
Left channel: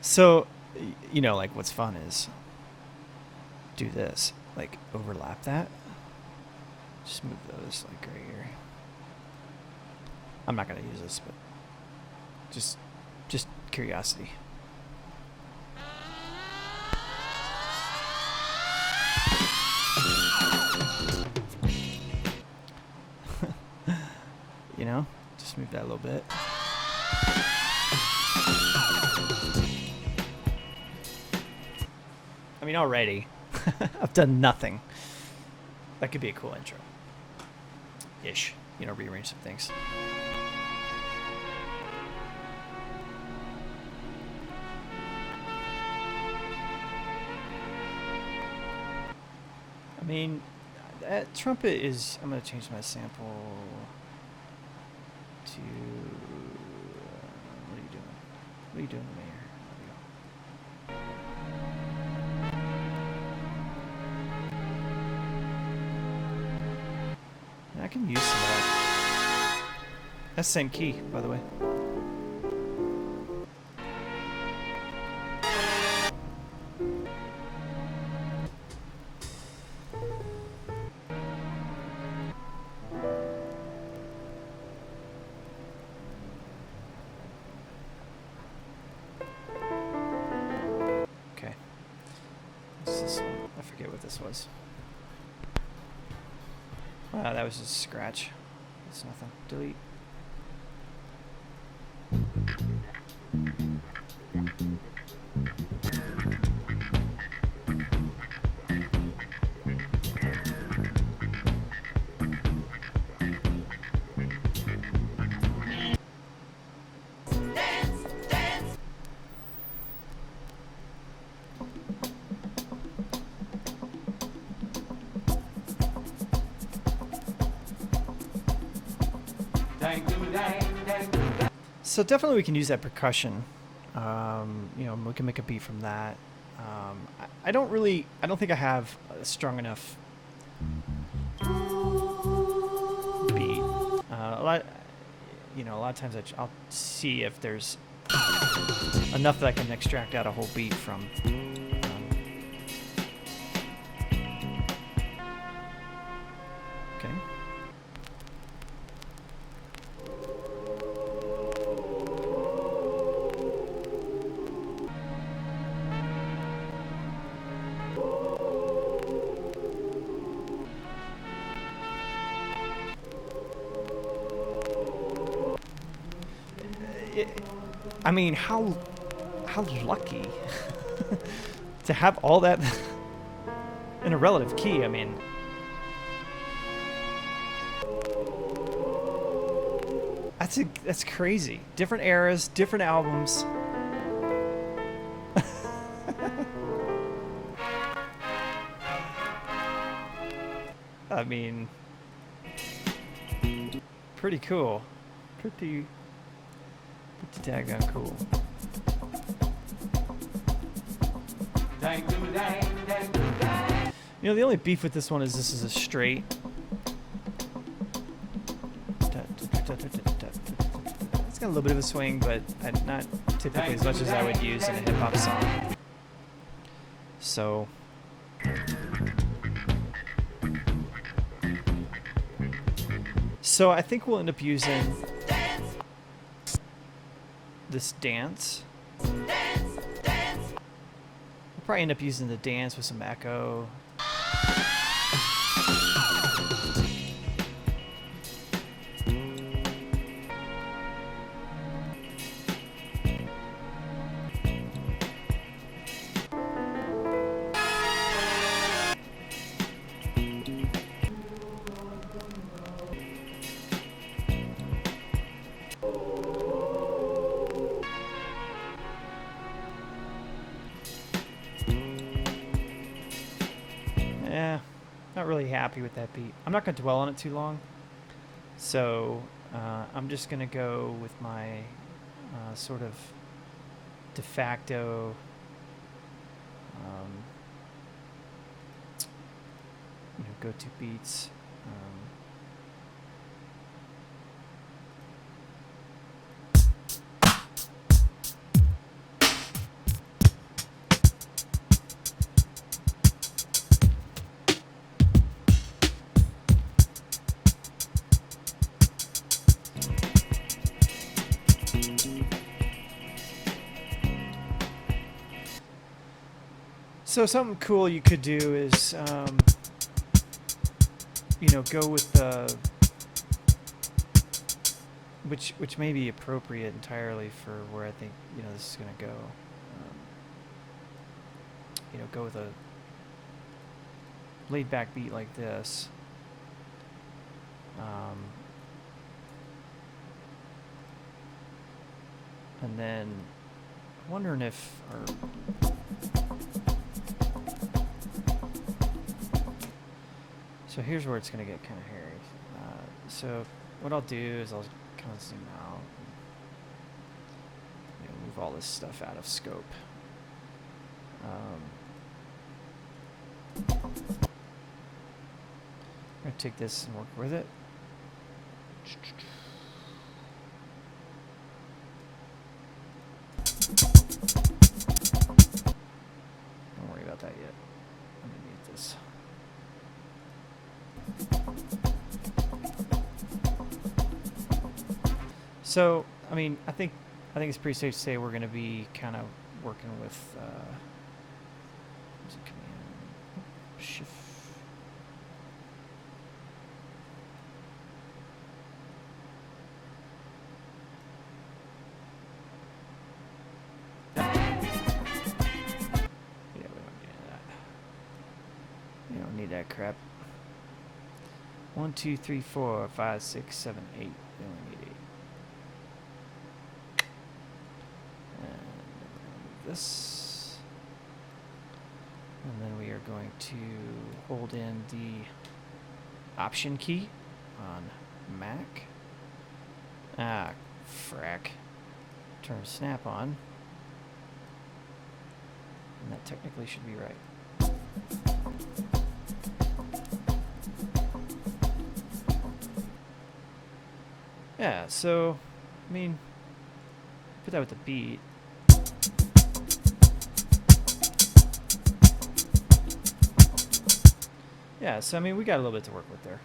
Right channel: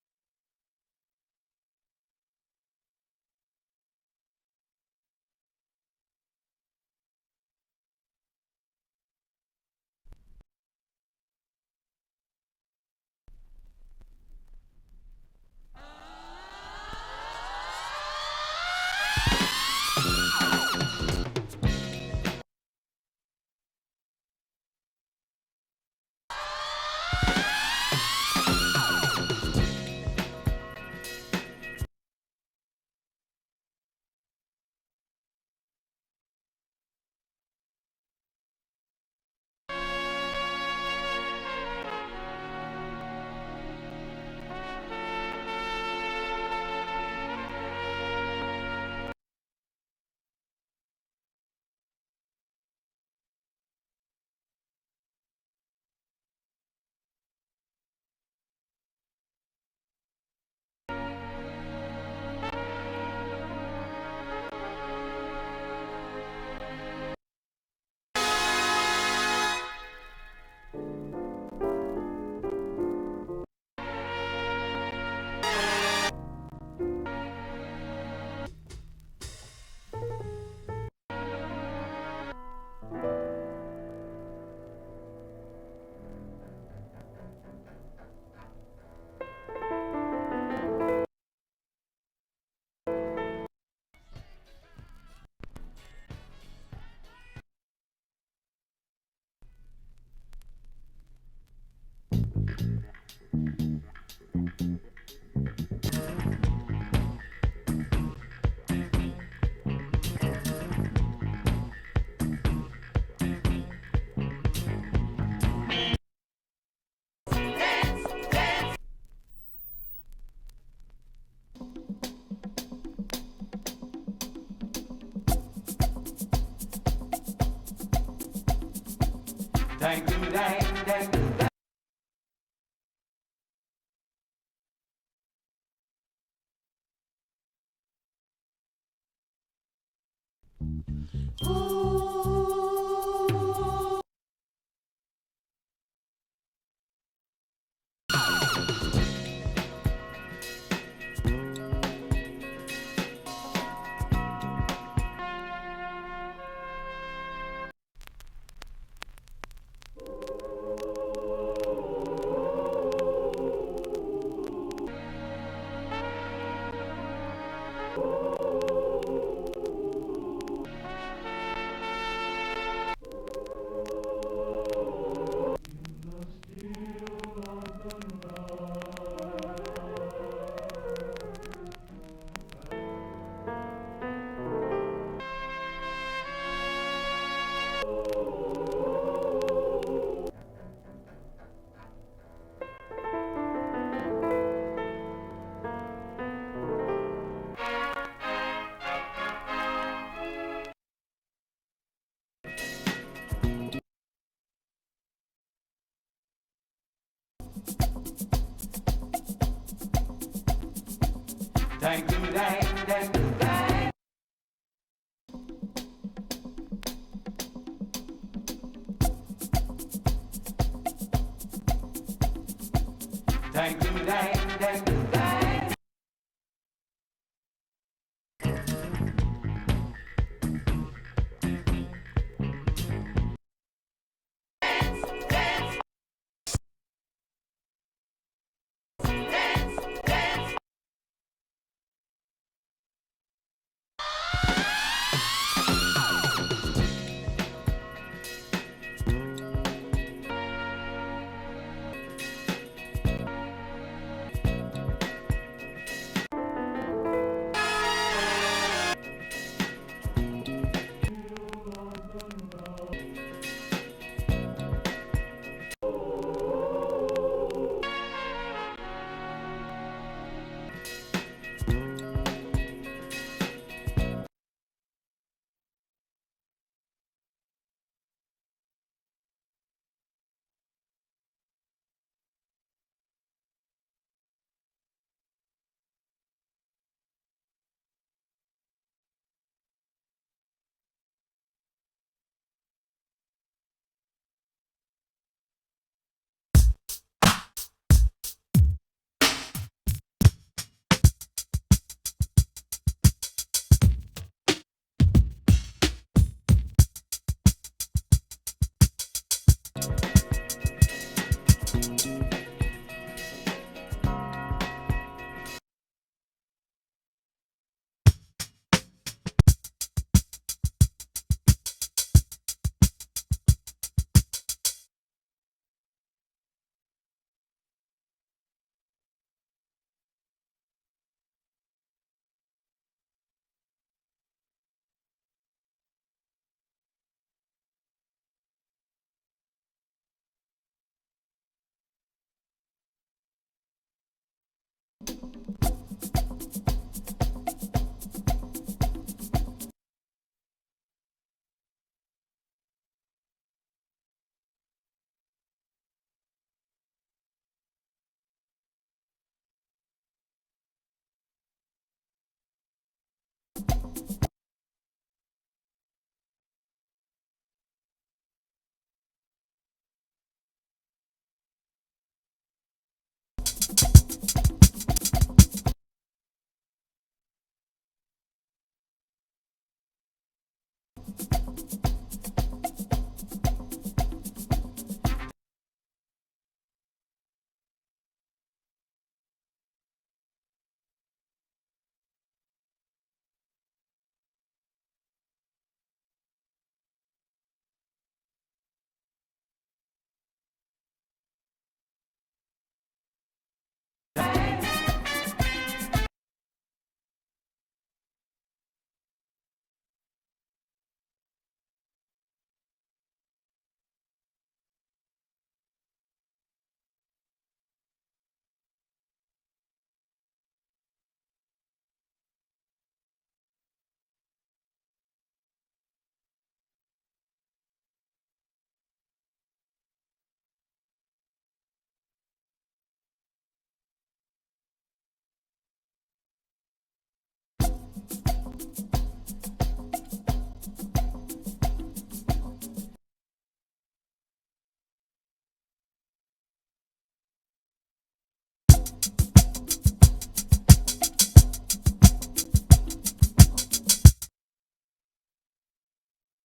So, like what's fun is do this, like overlap that. Just move those like right here. I'm not gonna use this, but just curiosity. that a little bit. I mean, already, I've done nothing. That could be a cool intro. Ish. You know, rearrange some things. I mean, that trumpet is... I'm going to change my sample to... what are you doing? What are you doing, Mayor? I can use that. That's the same key, by the way. Okay. I forget what this was. That was just a scratch. It's nothing. Delete. So definitely we can use that percussion. You know, we can make a beat from that. I don't think I have a strong enough beat. A lot of times I'll see if there's enough that I can extract out a whole beat from. I mean, how lucky to have all that in a relative key. I mean, that's crazy. Different eras, different albums. I mean, pretty cool. Pretty daggone cool. You know, the only beef with this one is this is a straight. It's got a little bit of a swing, but not typically as much as I would use in a hip-hop song. So I think we'll end up using this dance. We'll probably end up using the dance with some echo. Really happy with that beat. I'm not going to dwell on it too long, so I'm just going to go with my sort of de facto go-to beats. So something cool you could do is, go with which may be appropriate entirely for where I think this is gonna go. Go with a laid back beat like this. And then wondering if so here's where it's gonna get kind of hairy. So what I'll do is I'll kind of zoom out, and, move all this stuff out of scope. I'm gonna take this and work with it. Don't worry about that yet. Underneath this. So, I mean, I think it's pretty safe to say we're going to be kind of working with shift. That crap. 1, 2, 3, 4, 5, 6, 7, 8. We only need 8. And move this. And then we are going to hold in the Option key on Mac. Ah, frack. Turn snap on. And that technically should be right. Yeah, so, I mean, put that with the beat. Yeah, so, I mean, we got a little bit to work with there.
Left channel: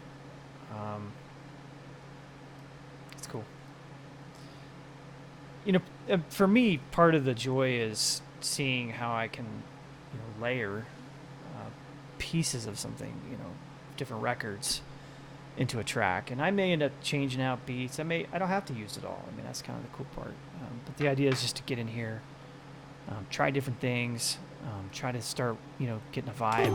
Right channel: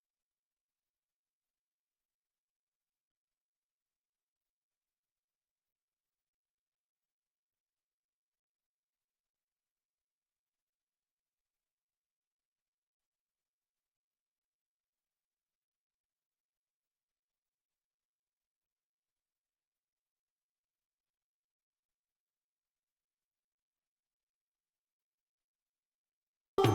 It's cool. For me, part of the joy is seeing how I can, layer pieces of something, different records into a track, and I may end up changing out beats. I don't have to use it all. I mean, that's kind of the cool part. But the idea is just to get in here, try different things, try to start, getting a vibe.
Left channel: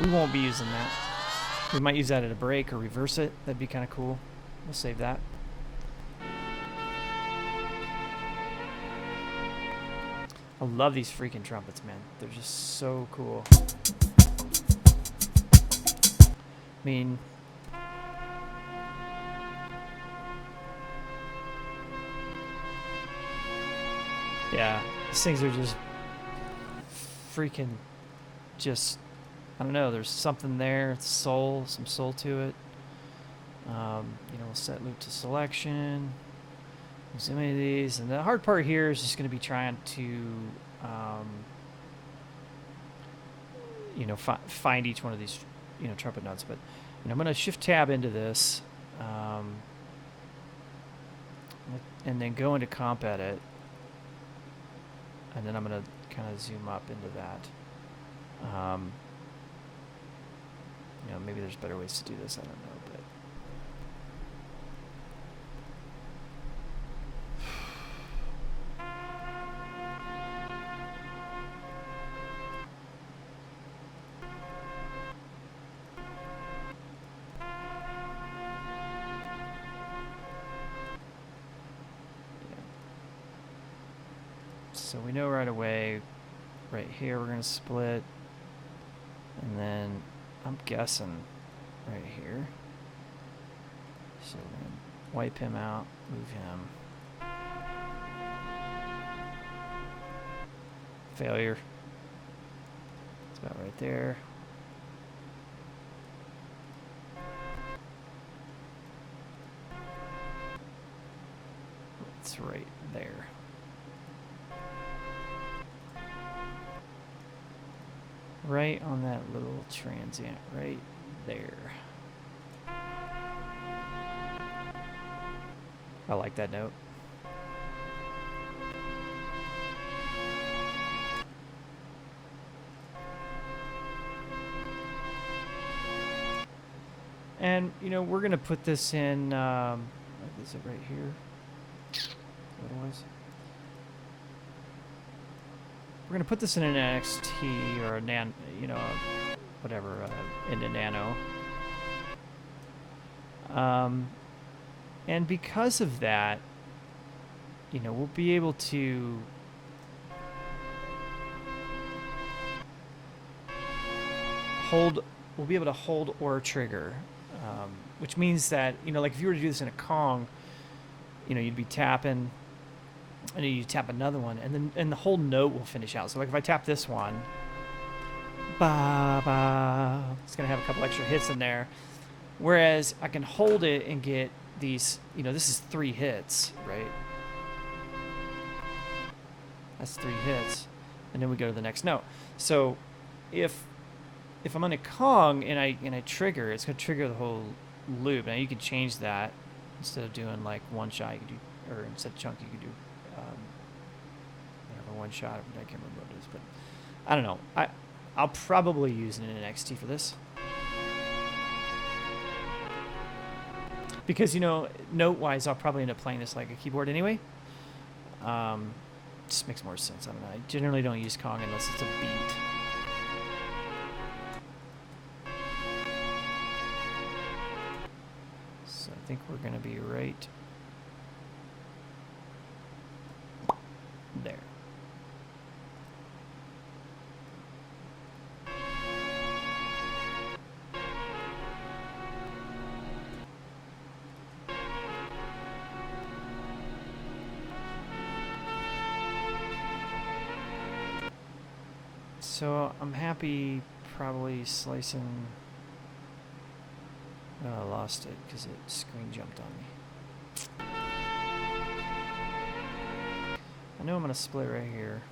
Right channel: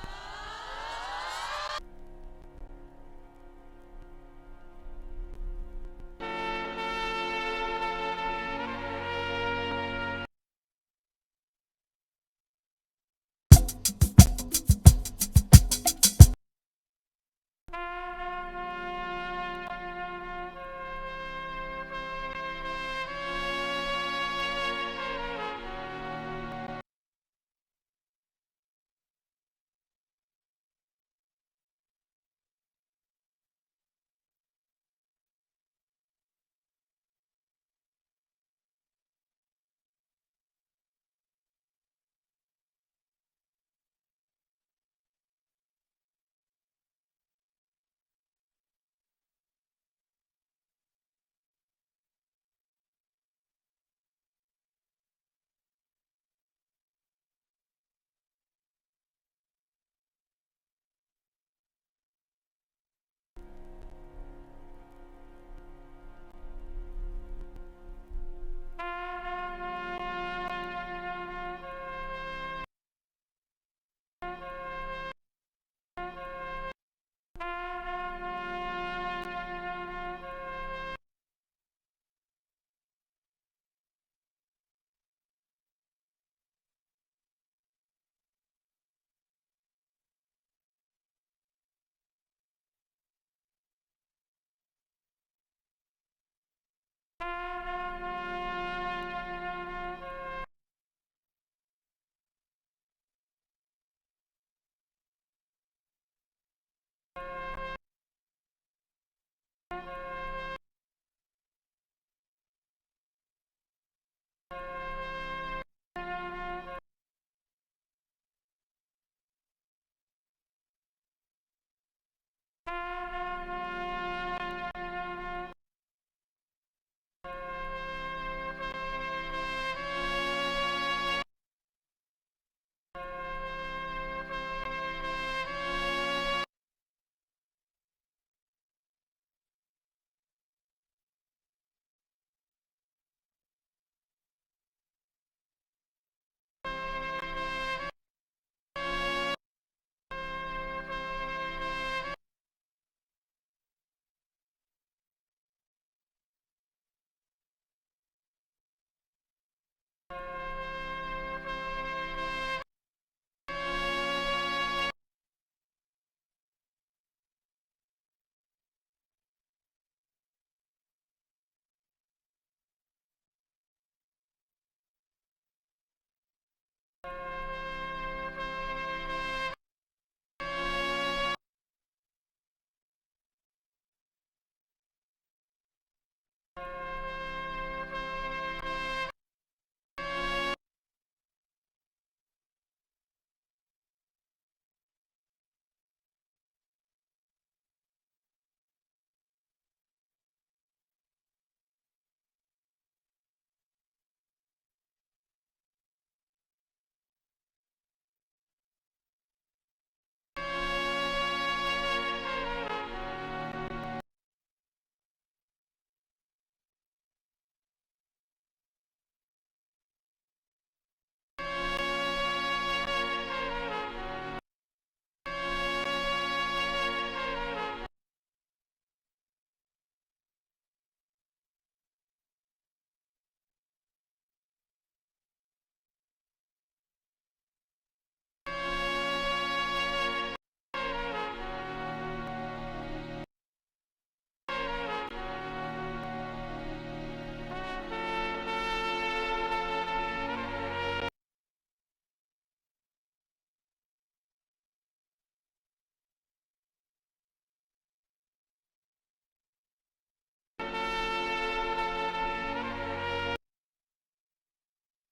We won't be using that. We might use that at a break or reverse it. That'd be kind of cool. We'll save that. I love these freaking trumpets, man. They're just so cool. I mean, yeah, these things are just freaking just, I don't know, there's something there. It's some soul to it. We'll set loop to selection. So many of these, and the hard part here is just going to be trying to, find each one of these, trumpet notes. But I'm going to shift tab into this, and then go into comp edit, and then I'm going to kind of zoom up into that. Maybe there's better ways to do this. I don't know, but. So we know right away, right here we're going to split, and then I'm guessing right here. So we're going to wipe him out, move him. Failure. It's about right there. It's right there. Right on that little transient, right there. I like that note. And, you know, we're going to put this in, is it right here? What it was? We're going to put this in an NXT or a whatever, into Nano. And because of that, you know, we'll be able to hold or trigger, which means that, you know, like if you were to do this in a Kong, you know, you'd be tapping, and then you tap another one, and the whole note will finish out. So like if I tap this one, ba ba, it's gonna have a couple extra hits in there. Whereas I can hold it and get these, you know, this is 3 hits, right? That's 3 hits, and then we go to the next note. So if I'm on a Kong and I trigger, it's gonna trigger the whole loop. Now you can change that. Instead of doing like one shot, you could do, or instead of chunk, you could do whatever, one shot. I can't remember what it is, but I don't know. I'll probably use an NXT for this because, you know, note-wise, I'll probably end up playing this like a keyboard anyway. Just makes more sense. I don't know. I generally don't use Kong unless it's a beat. So I think we're gonna be right there. So I'm happy probably slicing. Oh, I lost it because it screen jumped on me. I know I'm going to split right here.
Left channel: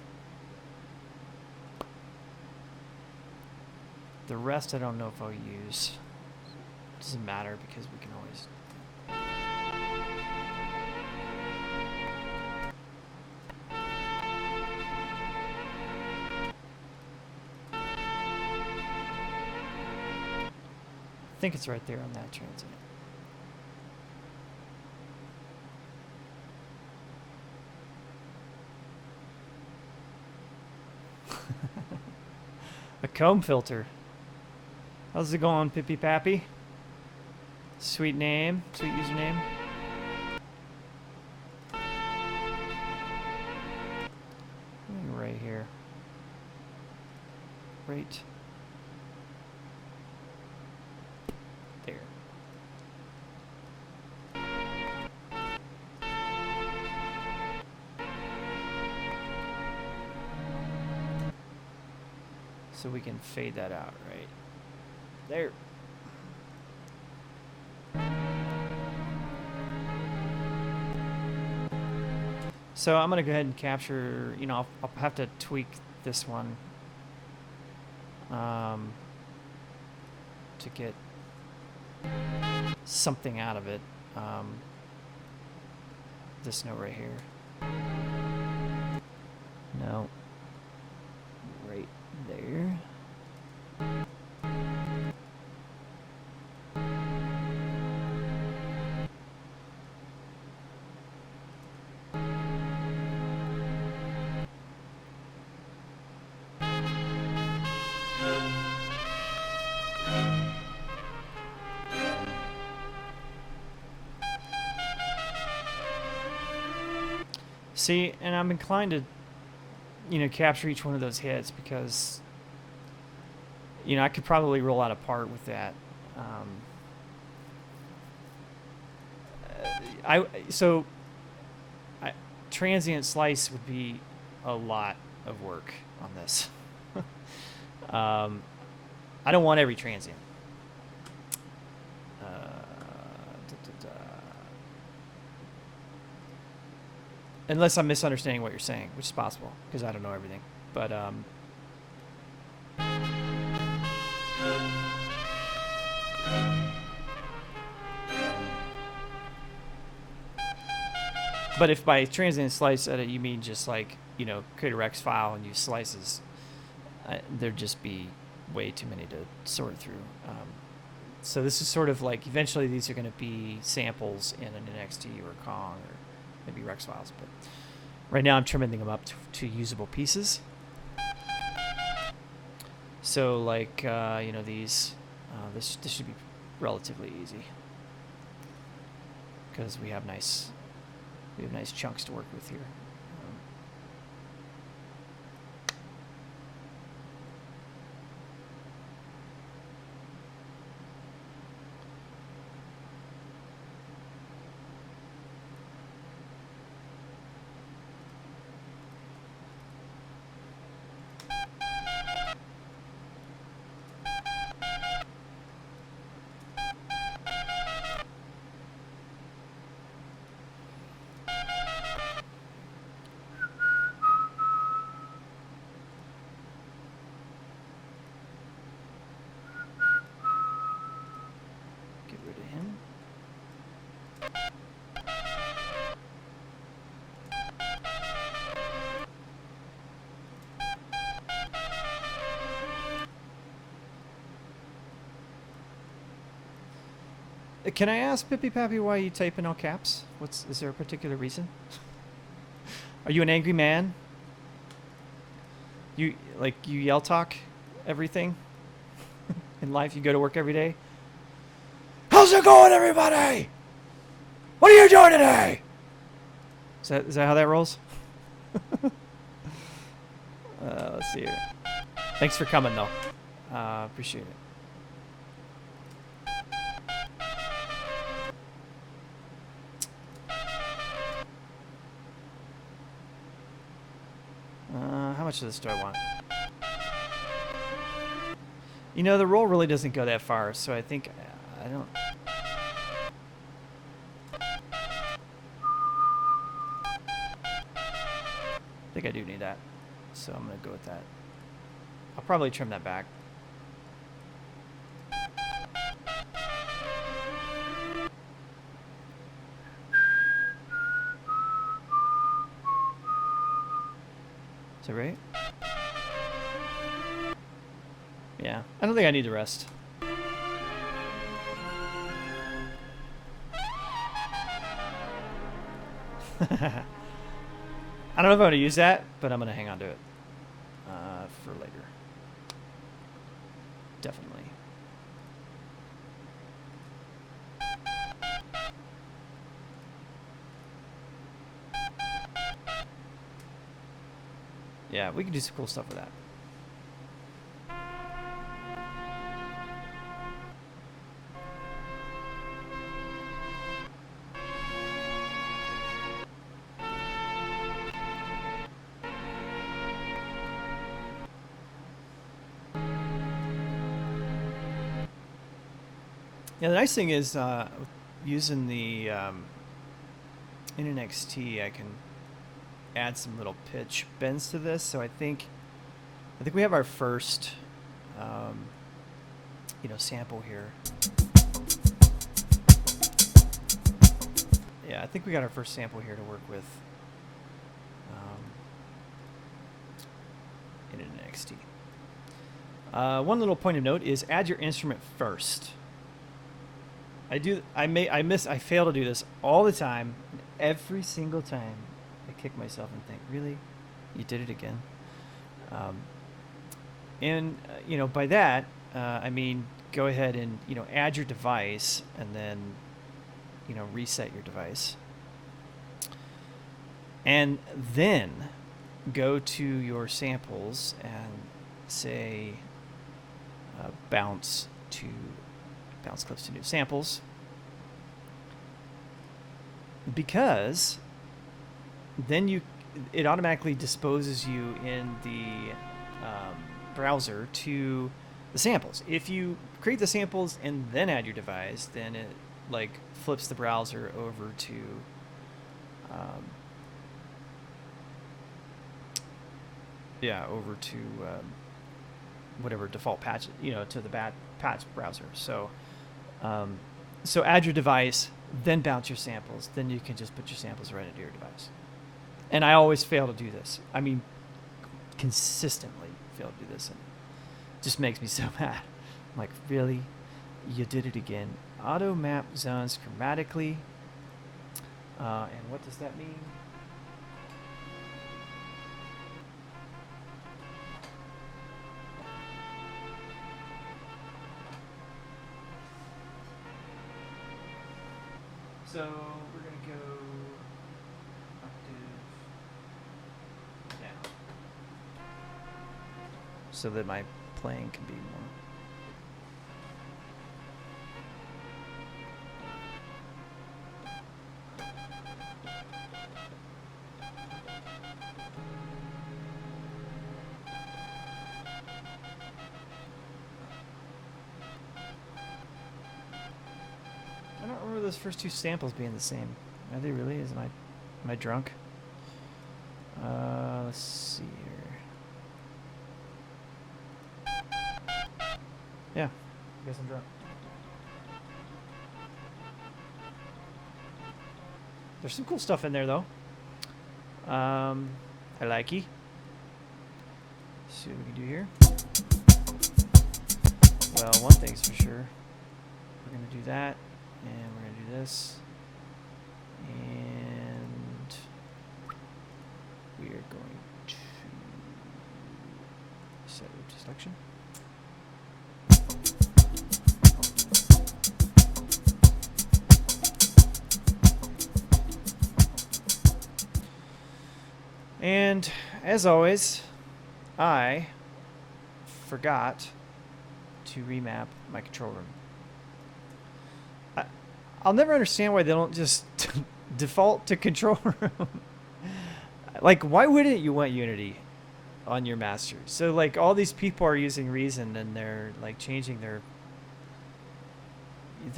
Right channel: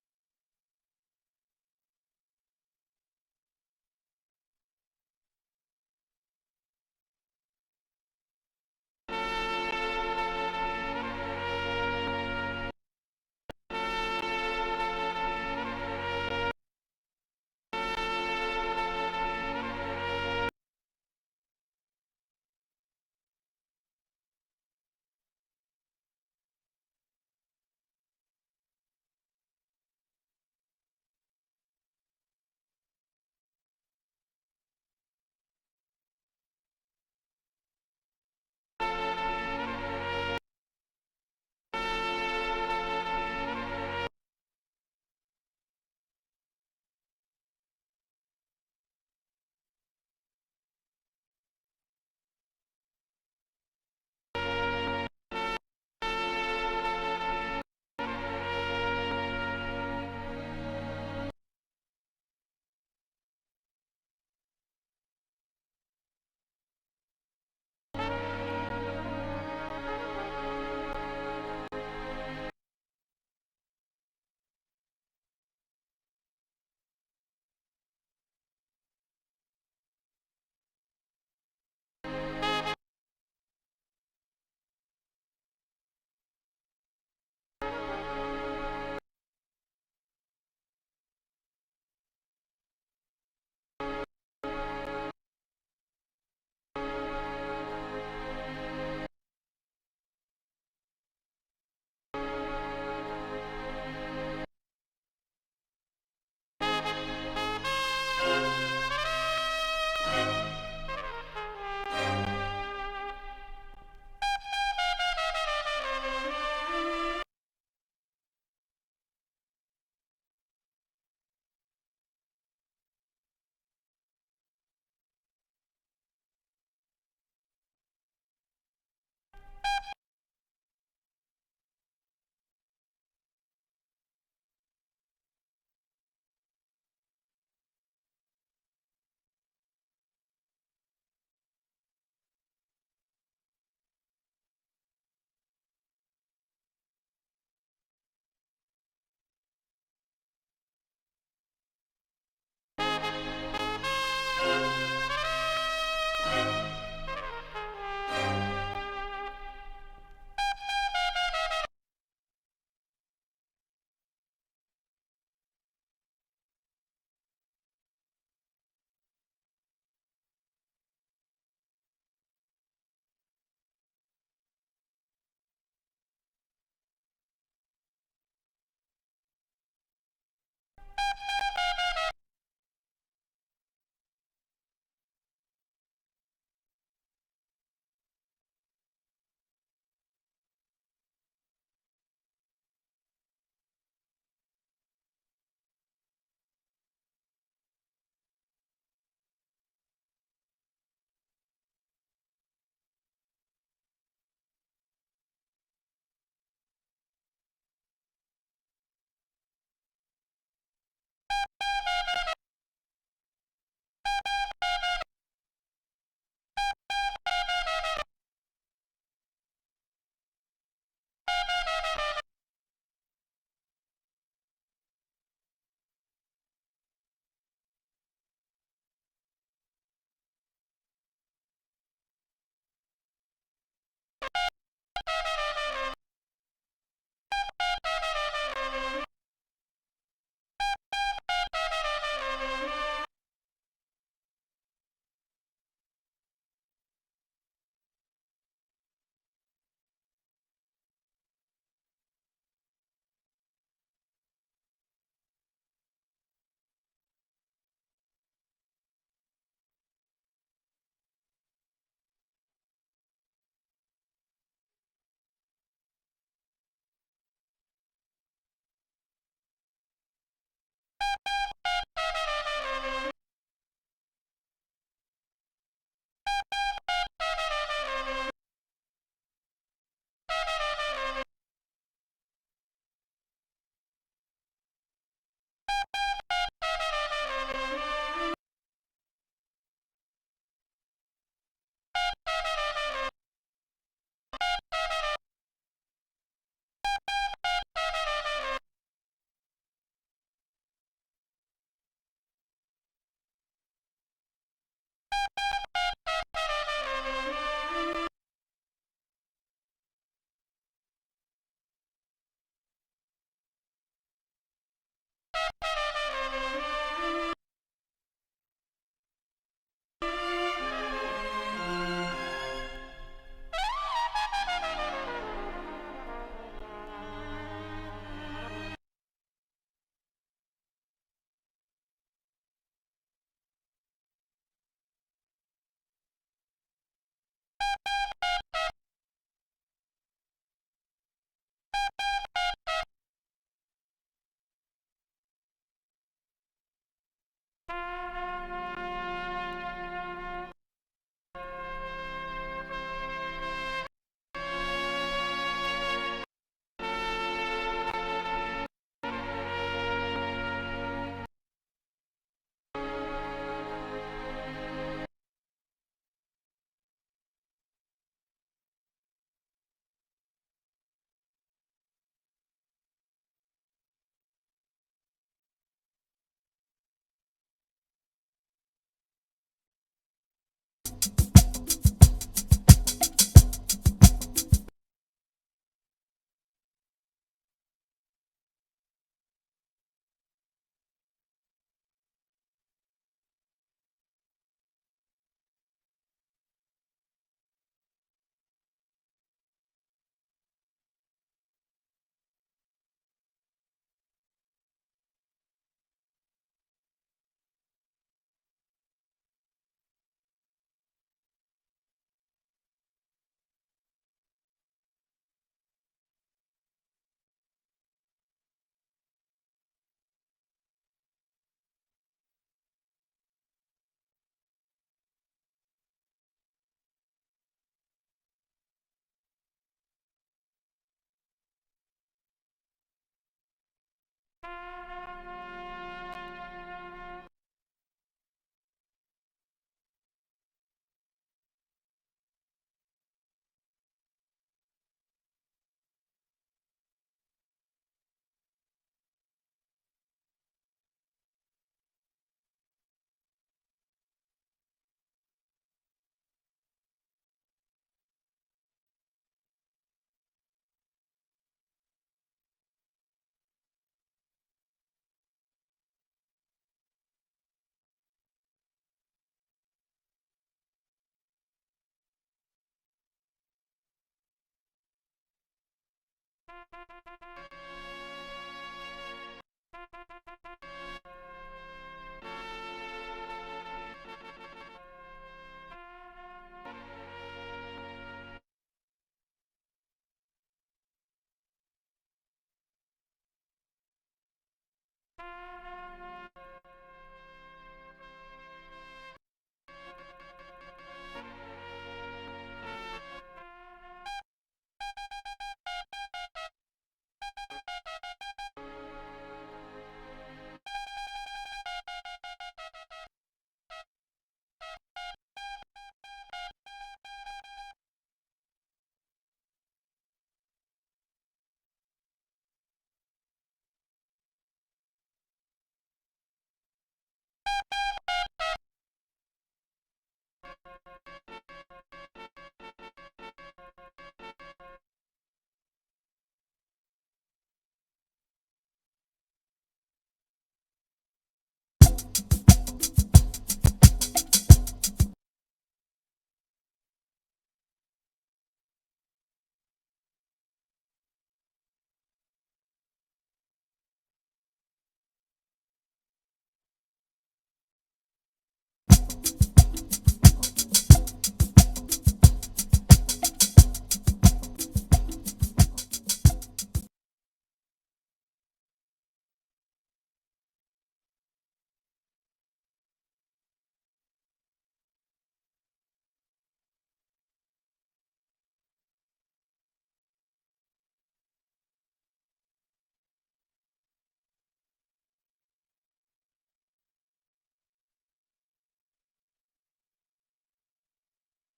The rest I don't know if I'll use. Doesn't matter because we can always... I think it's right there on that transient. A comb filter. How's it going, Pippy Pappy? Sweet name, sweet username. Right here. Right there. So we can fade that out right there. So I'm going to go ahead and capture, you know, I'll have to tweak this one to get something out of it. This note right here. No. Right there. See, and I'm inclined to, you know, capture each one of those hits because, you know, I could probably roll out a part with that. Transient slice would be a lot of work on this. I don't want every transient. Unless I'm misunderstanding what you're saying, which is possible, because I don't know everything. But if by transient slice edit you mean just like, you know, create a Rex file and use slices, there'd just be way too many to sort through. So this is sort of like eventually these are going to be samples in an NXT or Kong or maybe Rex files, but right now I'm trimming them up to usable pieces. So like these, this should be relatively easy because we have nice chunks to work with here. Get rid of him. Can I ask Pippy Pappy why you type in all caps? Is there a particular reason? Are you an angry man? You yell talk everything in life? You go to work every day? How's it going, everybody? What are you doing today? Is that how that rolls? Let's see here. Thanks for coming though. Appreciate it. How much of this do I want? You know, the roll really doesn't go that far, so I think I don't. I think I do need that, so I'm gonna go with that. I'll probably trim that back. Is that right? Yeah, I don't think I need the rest. I don't know if I'm going to use that, but I'm going to hang on to it for later. Definitely. Yeah, we can do some cool stuff with that. Yeah, the nice thing is using the in NXT, I can add some little pitch bends to this. So I think we have our first sample here. Yeah, I think we got our first sample here to work with in NXT. One little point of note is add your instrument first. I fail to do this all the time. Every single time I kick myself and think, really? You did it again? By that, I mean, go ahead and, add your device and then, reset your device. And then go to your samples and say bounce clips to new samples, because then it automatically disposes you in the browser to the samples. If you create the samples and then add your device, then it flips the browser over to whatever default patch, to the patch browser. So add your device, then bounce your samples. Then you can just put your samples right into your device. And I always fail to do this. I mean, consistently fail to do this. And it just makes me so mad. I'm like, really? You did it again. Auto map zones chromatically. And what does that mean? So we're going to go octave down so that my playing can be more. I don't remember those first two samples being the same. Are they really? Am I drunk? Let's see here. Yeah, I guess I'm drunk. There's some cool stuff in there though. I like it. See what we can do here. Well, one thing's for sure. We're gonna do that, and we're gonna do this, and we are going to set root selection. And as always, I forgot to remap my control room. I'll never understand why they don't just default to control room. Like, why wouldn't you want Unity on your master? So, like, all these people are using Reason and they're like changing their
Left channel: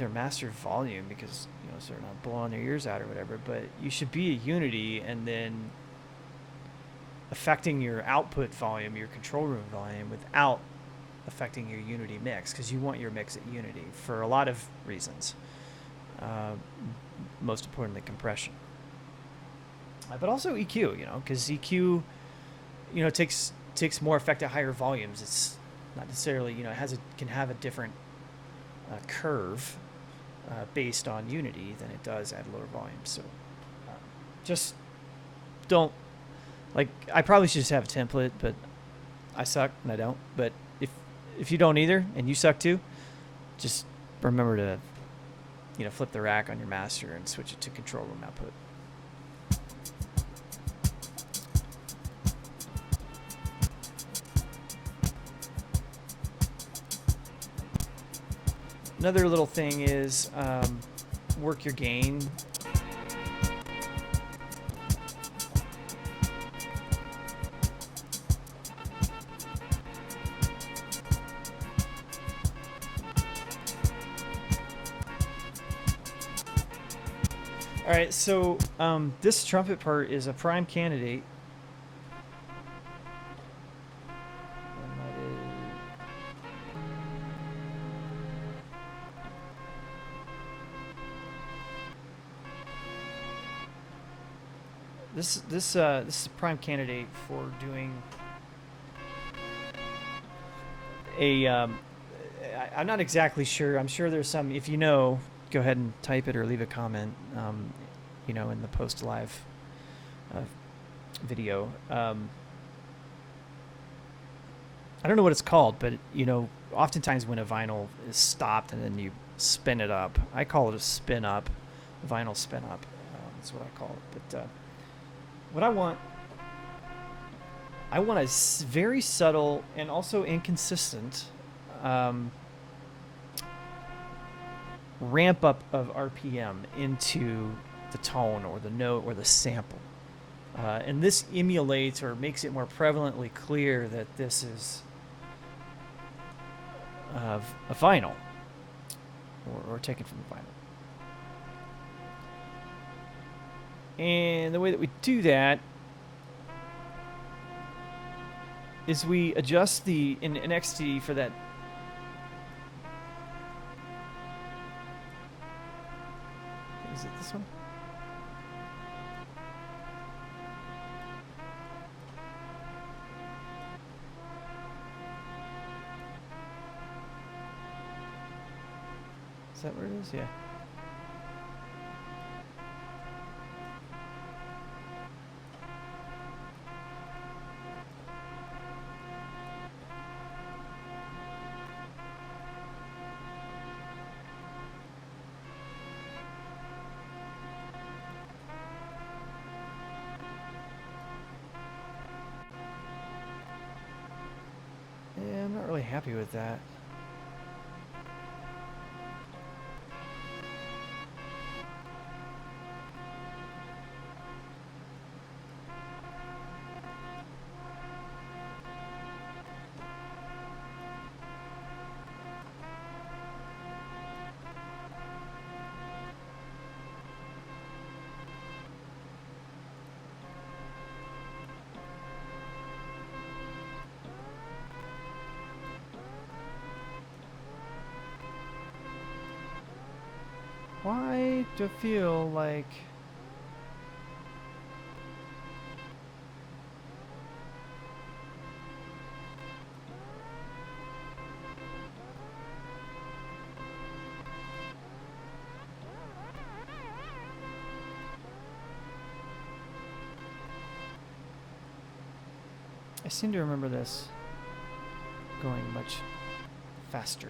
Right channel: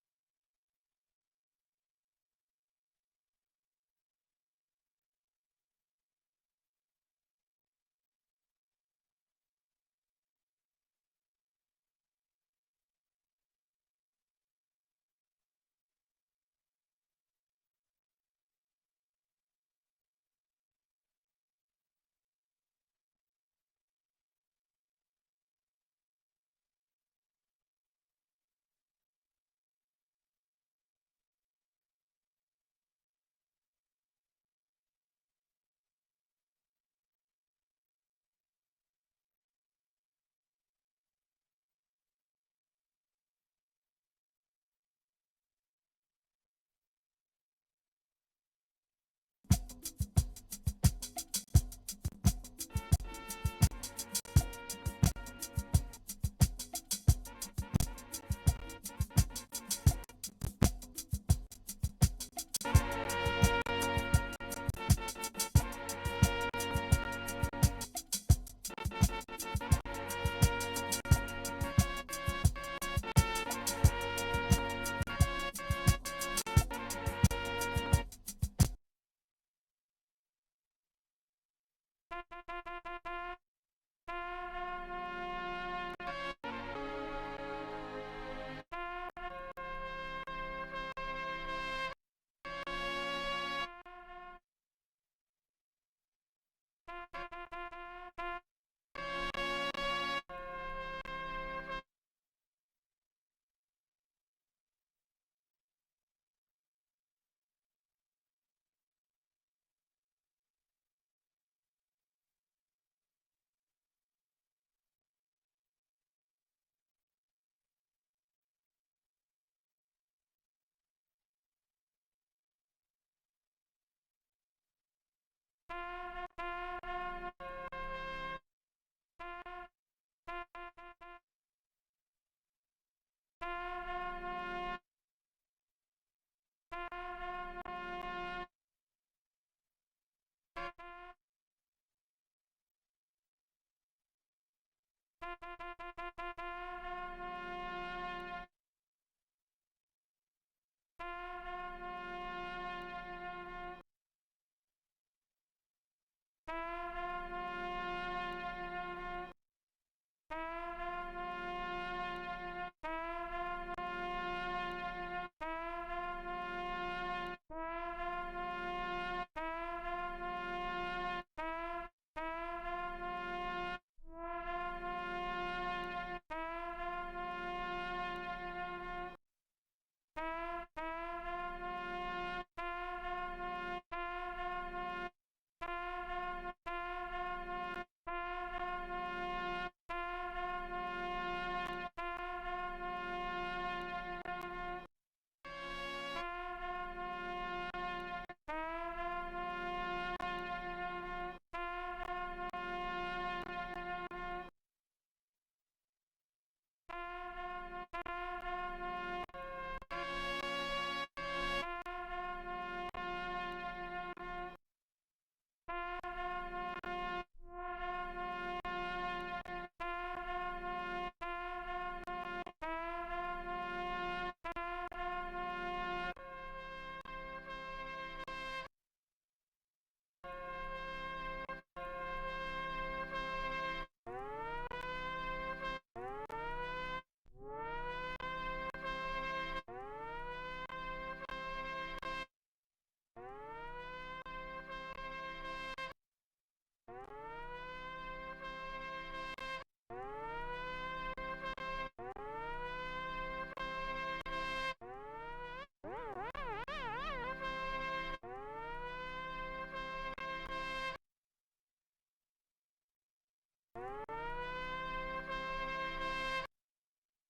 master volume because, you know, so they're not blowing their ears out or whatever. But you should be a Unity and then affecting your output volume, your control room volume, without affecting your Unity mix, because you want your mix at Unity for a lot of reasons. Most importantly, compression, but also EQ. You know, because EQ, you know, takes more effect at higher volumes. It's not necessarily, you know, can have a different curve based on Unity than it does at lower volumes. So just don't. Like, I probably should just have a template, but I suck and I don't. But if you don't either and you suck too, just remember to, you know, flip the rack on your master and switch it to control room output. Another little thing is work your gain. Alright, so this trumpet part is a prime candidate. This is a prime candidate for doing a I'm not exactly sure. I'm sure there's some. If you know, go ahead and type it or leave a comment. You know, in the post live video. I don't know what it's called, but you know, oftentimes when a vinyl is stopped and then you spin it up, I call it a spin up, vinyl spin up. That's what I call it. But what I want a very subtle and also inconsistent ramp up of RPM into the tone or the note or the sample. And this emulates or makes it more prevalently clear that this is a vinyl or taken from the vinyl. And the way that we do that is we adjust in XD for that. Is it this one? Is that where it is? Yeah. Yeah, I'm not really happy with that. Why do I feel like... I seem to remember this going much faster.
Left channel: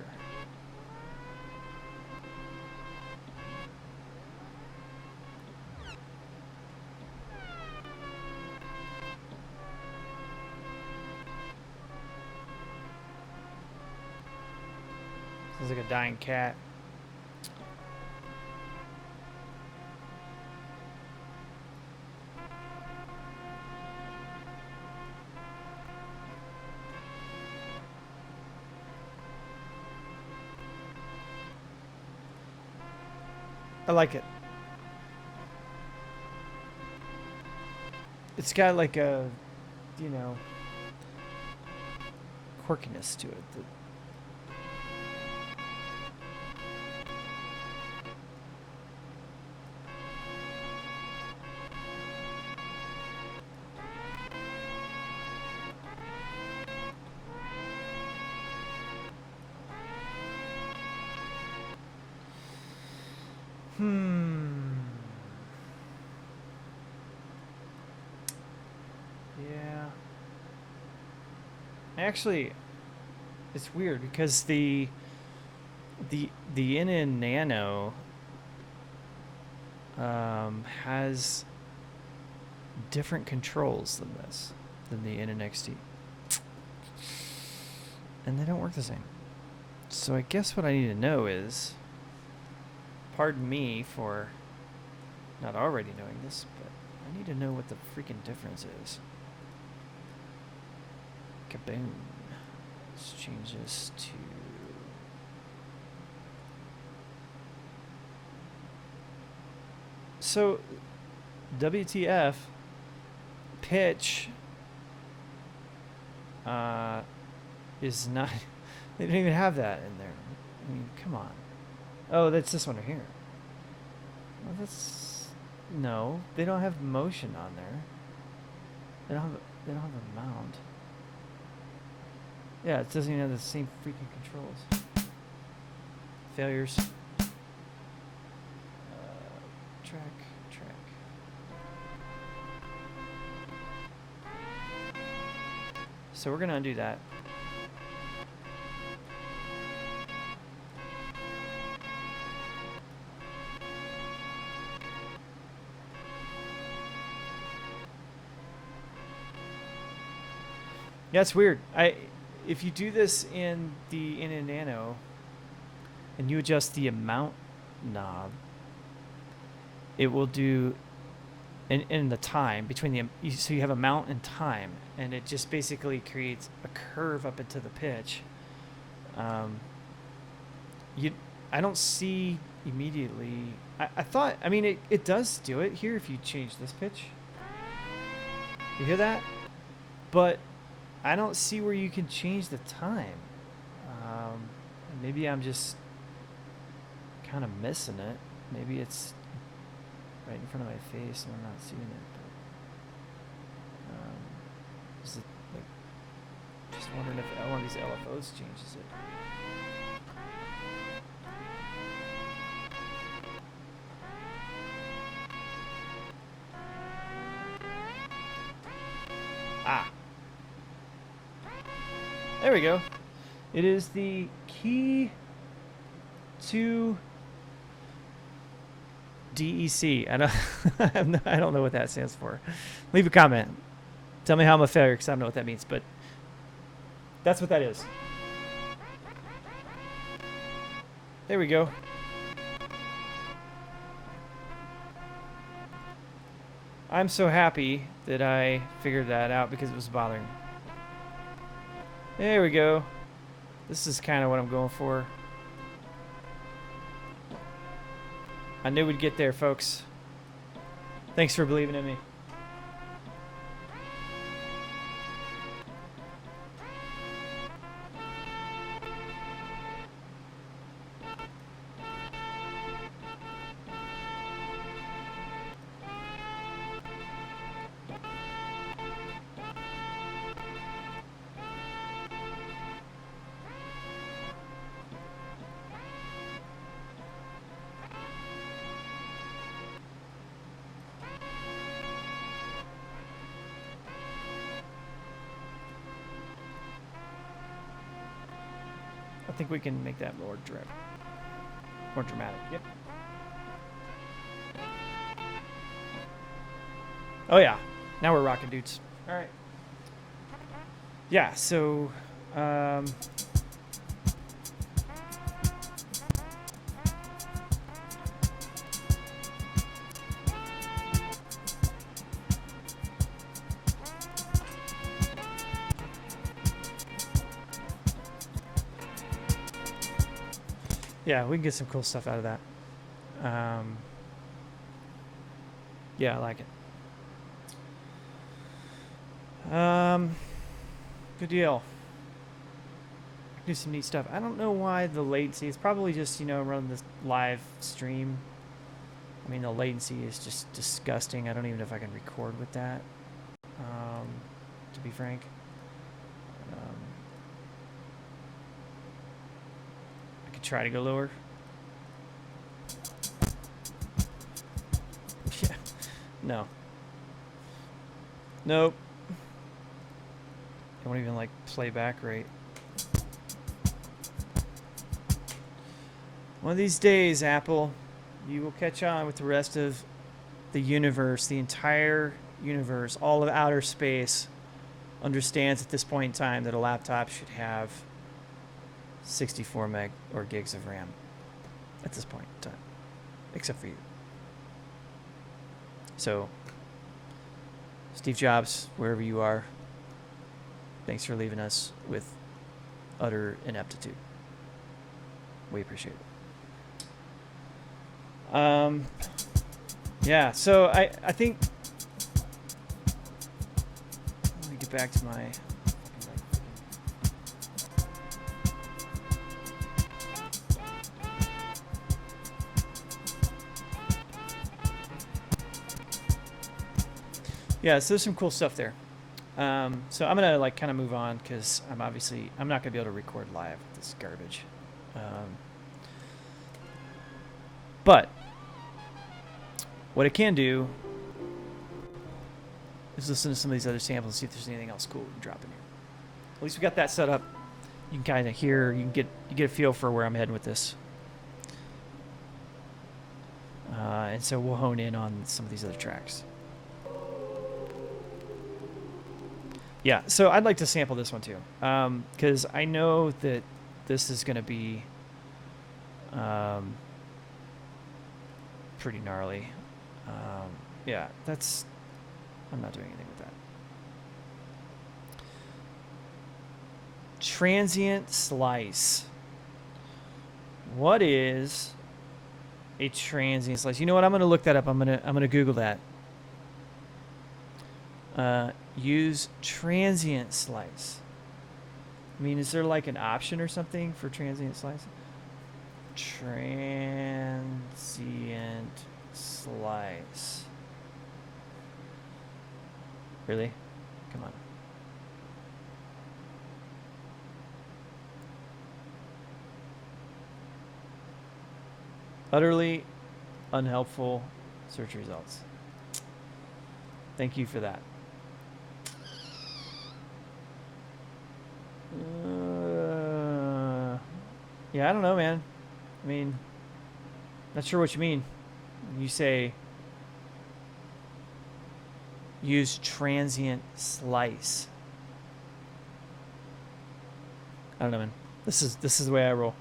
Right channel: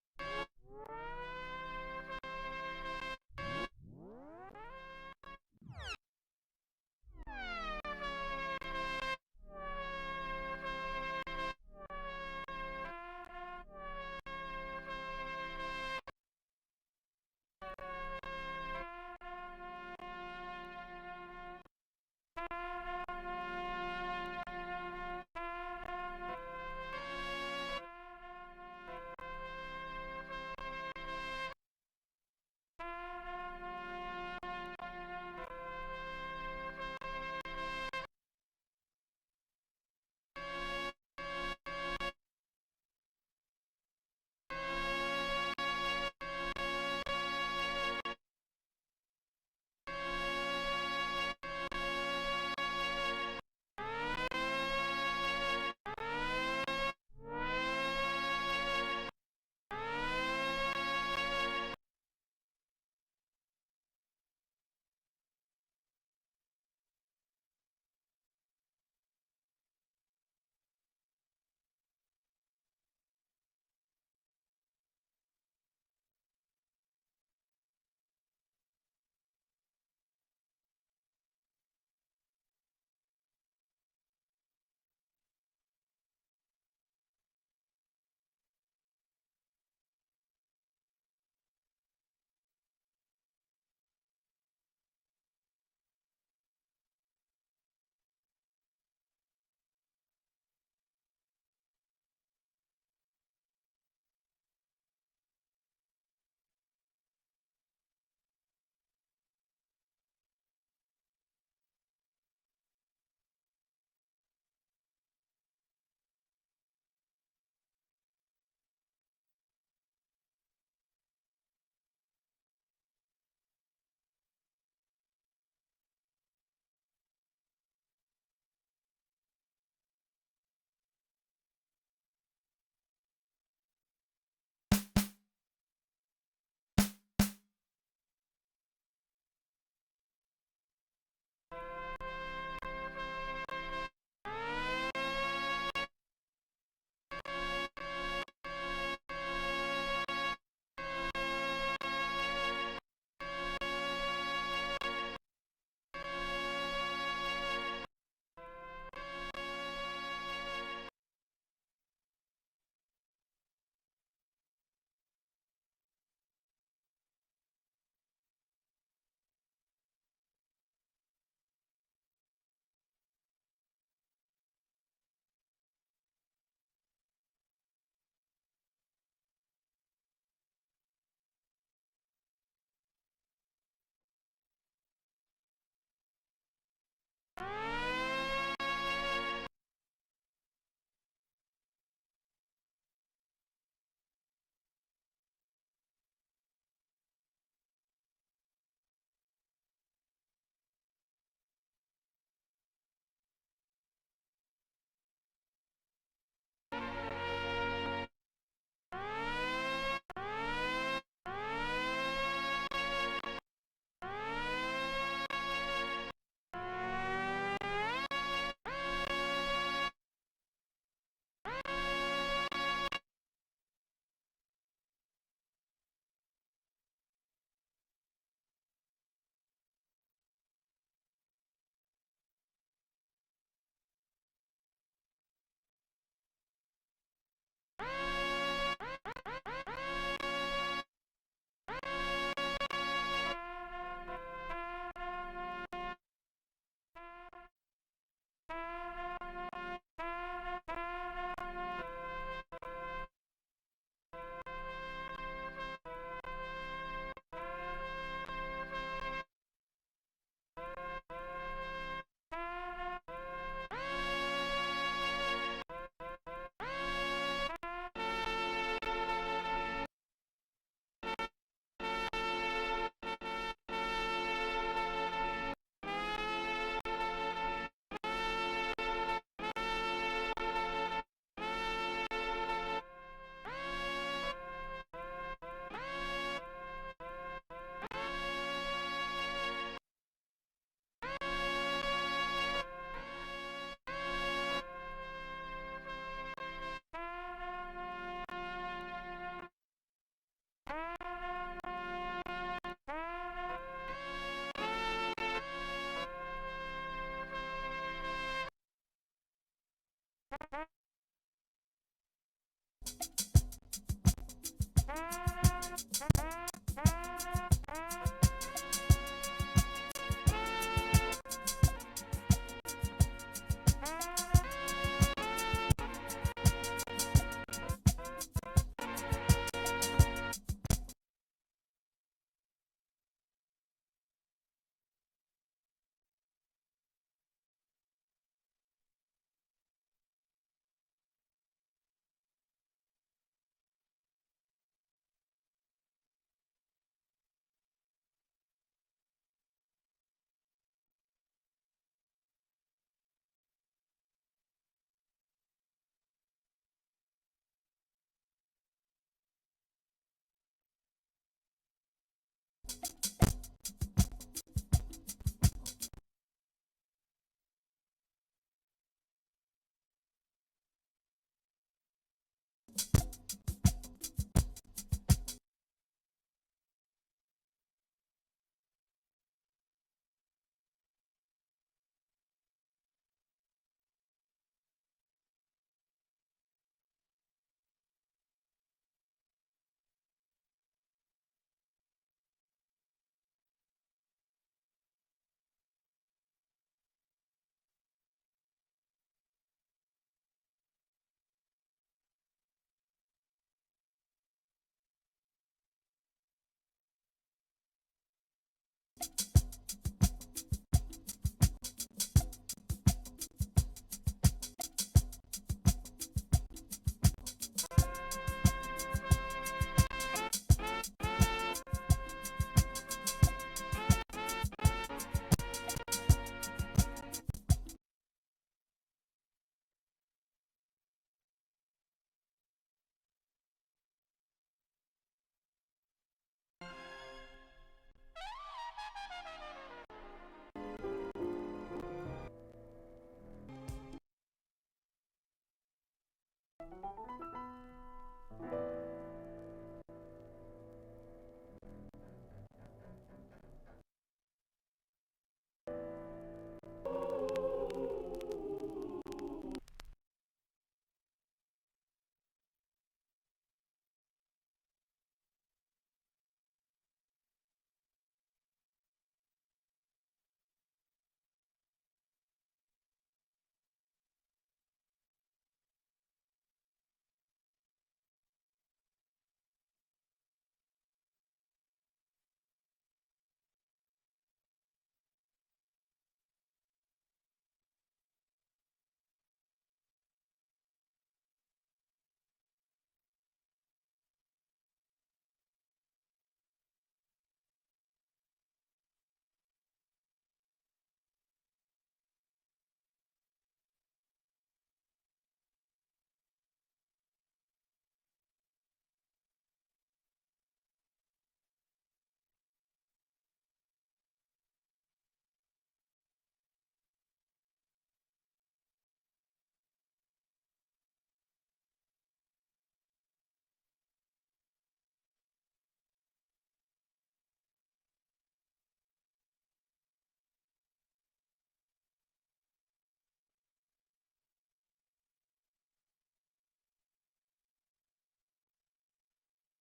Sounds like a dying cat. I like it. It's got like a, you know, quirkiness to it. Yeah. Actually, it's weird because the NN Nano has different controls than this, than the NN XT, and they don't work the same. So I guess what I need to know is, pardon me for not already knowing this, but I need to know what the freaking difference is. Kaboom. Let's change this to... So, WTF, pitch is not... They don't even have that in there. I mean, come on. Oh, that's this one right here. Well, that's... No, they don't have motion on there. They don't have a mount. Yeah, it doesn't even have the same freaking controls. Failures. Track. So we're gonna undo that. Yeah, it's weird. If you do this in the NN Nano and you adjust the amount knob, it will do in the time between the so you have amount and time, and it just basically creates a curve up into the pitch. I don't see immediately. I thought, I mean, it does do it here if you change this pitch. You hear that? But I don't see where you can change the time. Maybe I'm just kind of missing it. Maybe it's right in front of my face and I'm not seeing it. But, is it like, just wondering if one of these LFOs changes it. There we go. It is the key to DEC. I don't know what that stands for. Leave a comment. Tell me how I'm a failure because I don't know what that means, but that's what that is. There we go. I'm so happy that I figured that out because it was bothering me. There we go. This is kind of what I'm going for. I knew we'd get there, folks. Thanks for believing in me. I think we can make that more direct, more dramatic. Yep. Oh yeah, now we're rocking, dudes. All right. Yeah. So, yeah, we can get some cool stuff out of that. Yeah, I like it. Good deal. Do some neat stuff. I don't know why the latency. It's probably just, running this live stream. I mean, the latency is just disgusting. I don't even know if I can record with that, to be frank. I could try to go lower. Yeah. No. Nope. I won't even like play back right. One of these days, Apple, you will catch on with the rest of the universe, the entire universe, all of outer space understands at this point in time that a laptop should have 64 meg or gigs of RAM at this point in time, except for you. So, Steve Jobs, wherever you are, thanks for leaving us with utter ineptitude. We appreciate it. Yeah, so I think, let me get back to my, yeah, so there's some cool stuff there. So I'm gonna like kind of move on because I'm not gonna be able to record live with this garbage. But what I can do is listen to some of these other samples and see if there's anything else cool we can drop in here. At least we got that set up. You can kind of hear, you get a feel for where I'm heading with this. And so we'll hone in on some of these other tracks. Yeah, so I'd like to sample this one too, because I know that this is going to be pretty gnarly. Yeah, I'm not doing anything with that. Transient slice. What is a transient slice? You know what? I'm going to look that up. I'm going to Google that. Use transient slice. I mean, is there like an option or something for transient slice? Transient slice. Really? Come on. Utterly unhelpful search results. Thank you for that. Yeah, I don't know, man. I mean, not sure what you mean. When you say use transient slice. I don't know, man. This is the way I roll.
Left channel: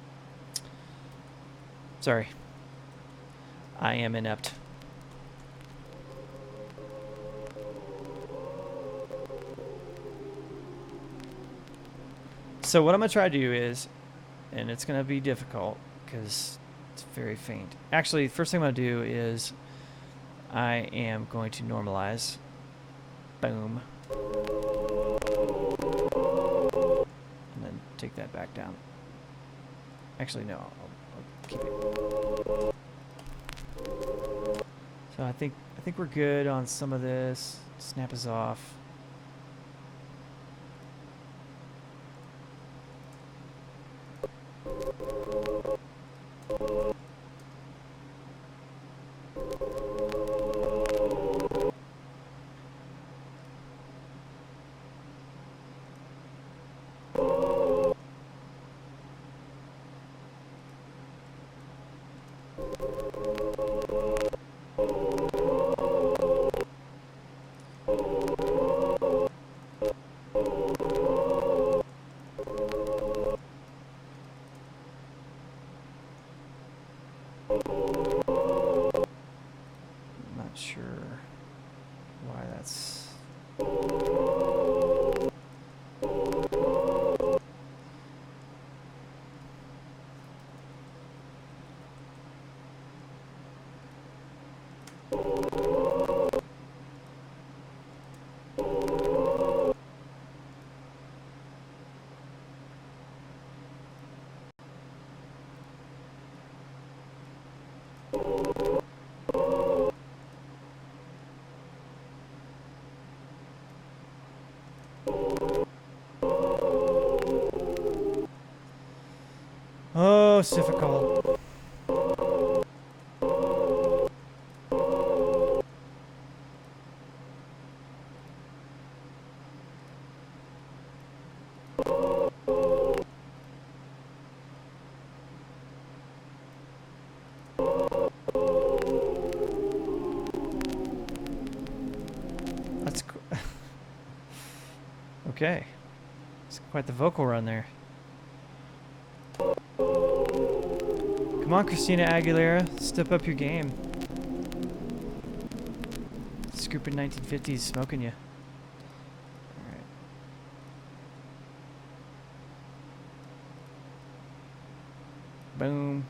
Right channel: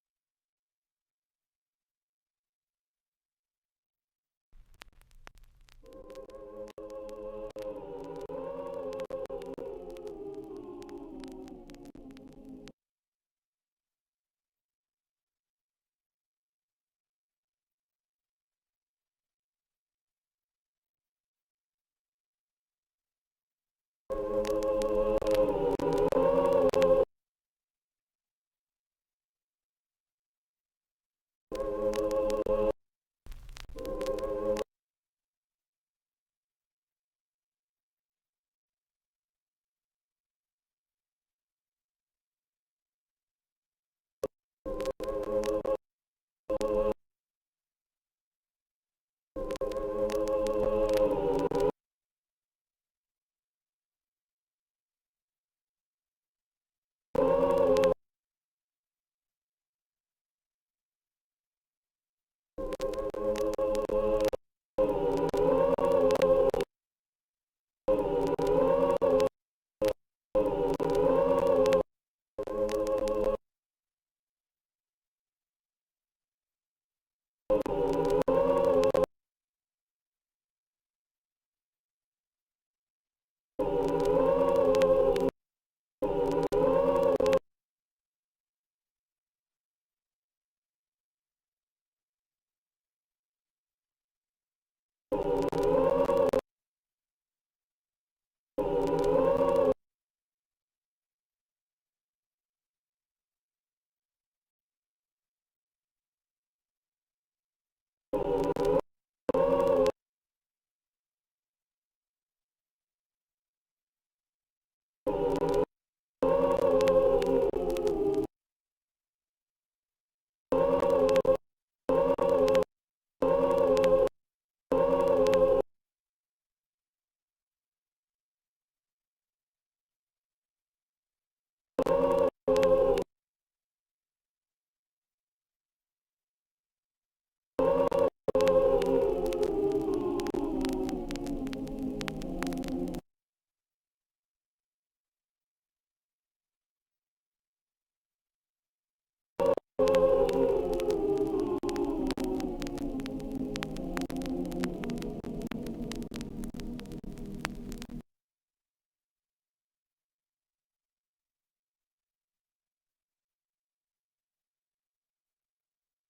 Sorry. I am inept. So what I'm going to try to do is, and it's going to be difficult because it's very faint. Actually, first thing I'm going to do is I am going to normalize. Boom. And then take that back down. Actually, no. I'll keep it. So I think we're good on some of this. Snap is off. Not sure why that's... Oh, it's difficult. That's okay. It's quite the vocal run there. Come on, Christina Aguilera, step up your game. Scooping 1950s, smoking you. All right. Boom.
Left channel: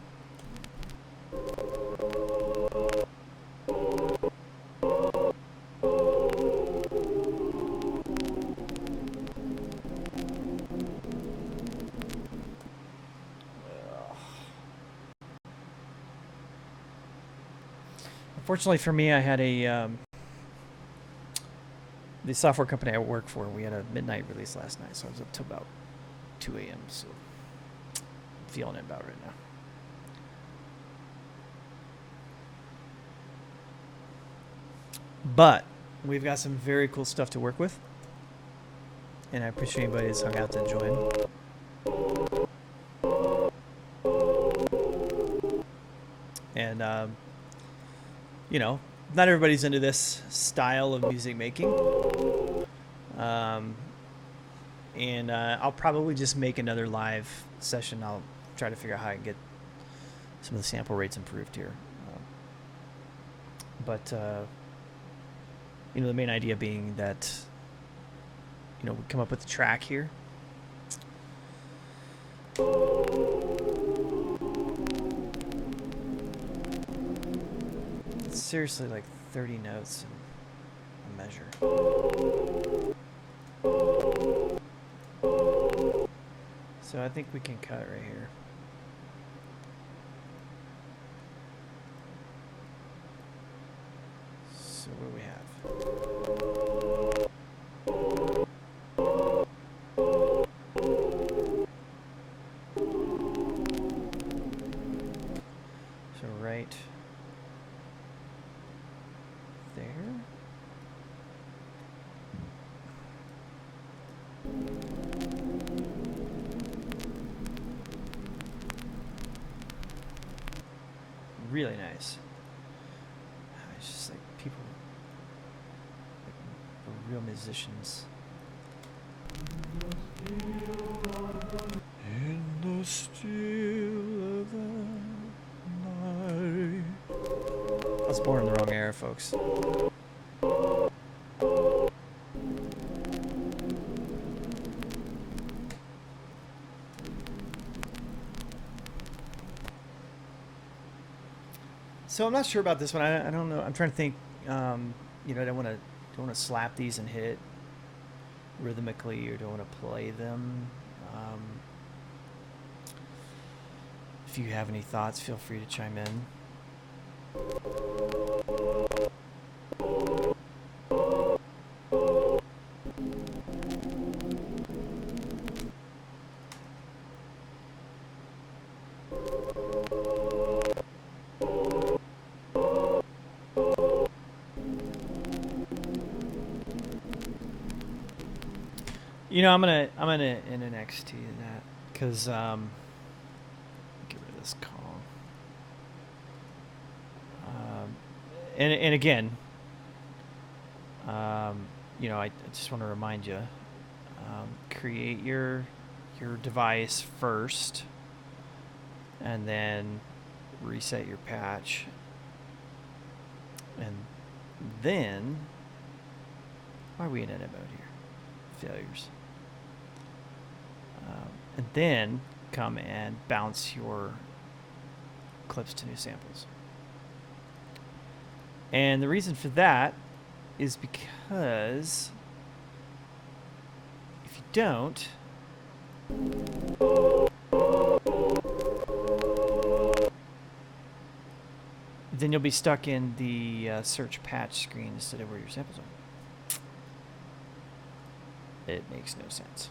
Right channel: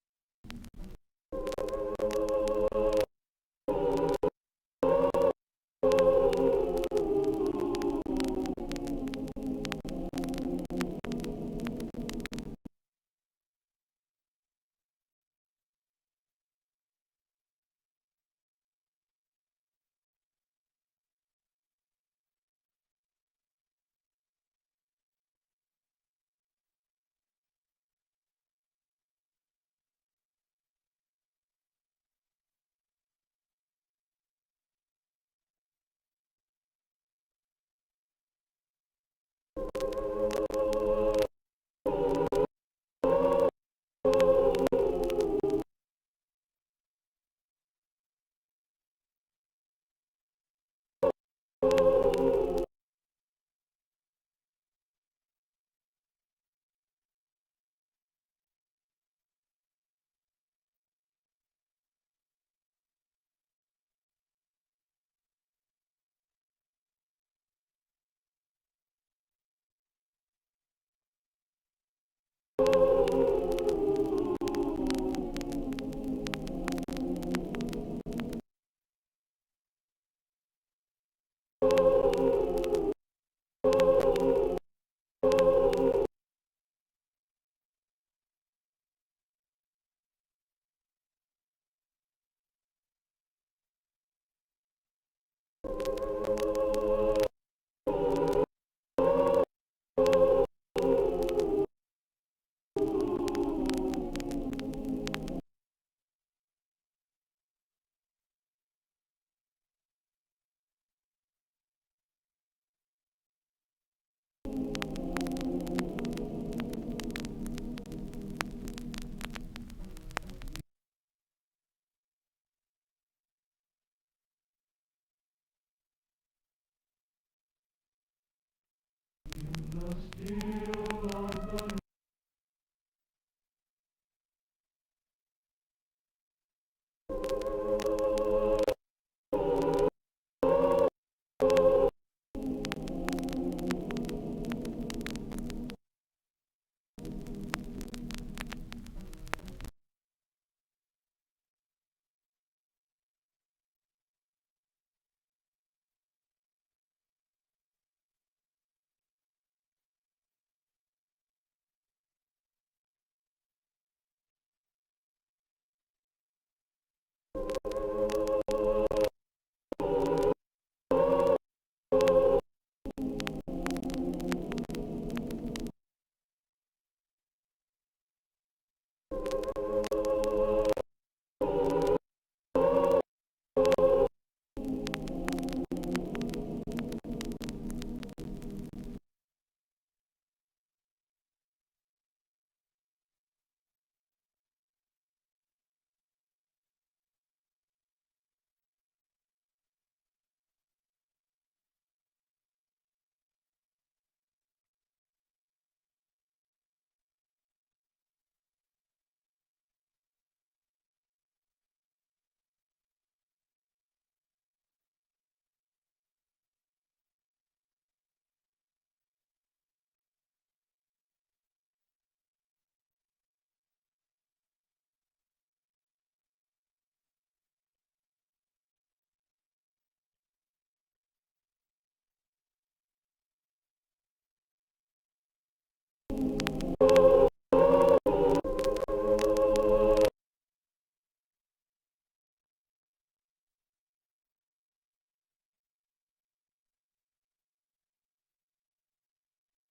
Unfortunately for me, I had the software company I work for, we had a midnight release last night, so I was up till about 2 a.m. So I'm feeling it about right now. But we've got some very cool stuff to work with, and I appreciate anybody that's hung out to join. And you know, not everybody's into this style of music making. And I'll probably just make another live session. I'll try to figure out how I can get some of the sample rates improved here. But you know, the main idea being that, you know, we come up with a track here. It's seriously like 30 notes in a measure. So I think we can cut right here. So what do we have? So right there. really nice. It's just like people, like, real musicians. In the still of the night. I was born in the wrong era, folks. So I'm not sure about this one. I don't know. I'm trying to think. You know, I don't want to slap these and hit it rhythmically, or don't want to play them. If you have any thoughts, feel free to chime in. You know, I'm gonna NXT that because get rid of this call. And again, you know, I just want to remind you, create your device first, and then reset your patch, and then why are we in edit mode here? Failures. And then come and bounce your clips to new samples. And the reason for that is because if you don't, then you'll be stuck in the search patch screen instead of where your samples are. It makes no sense.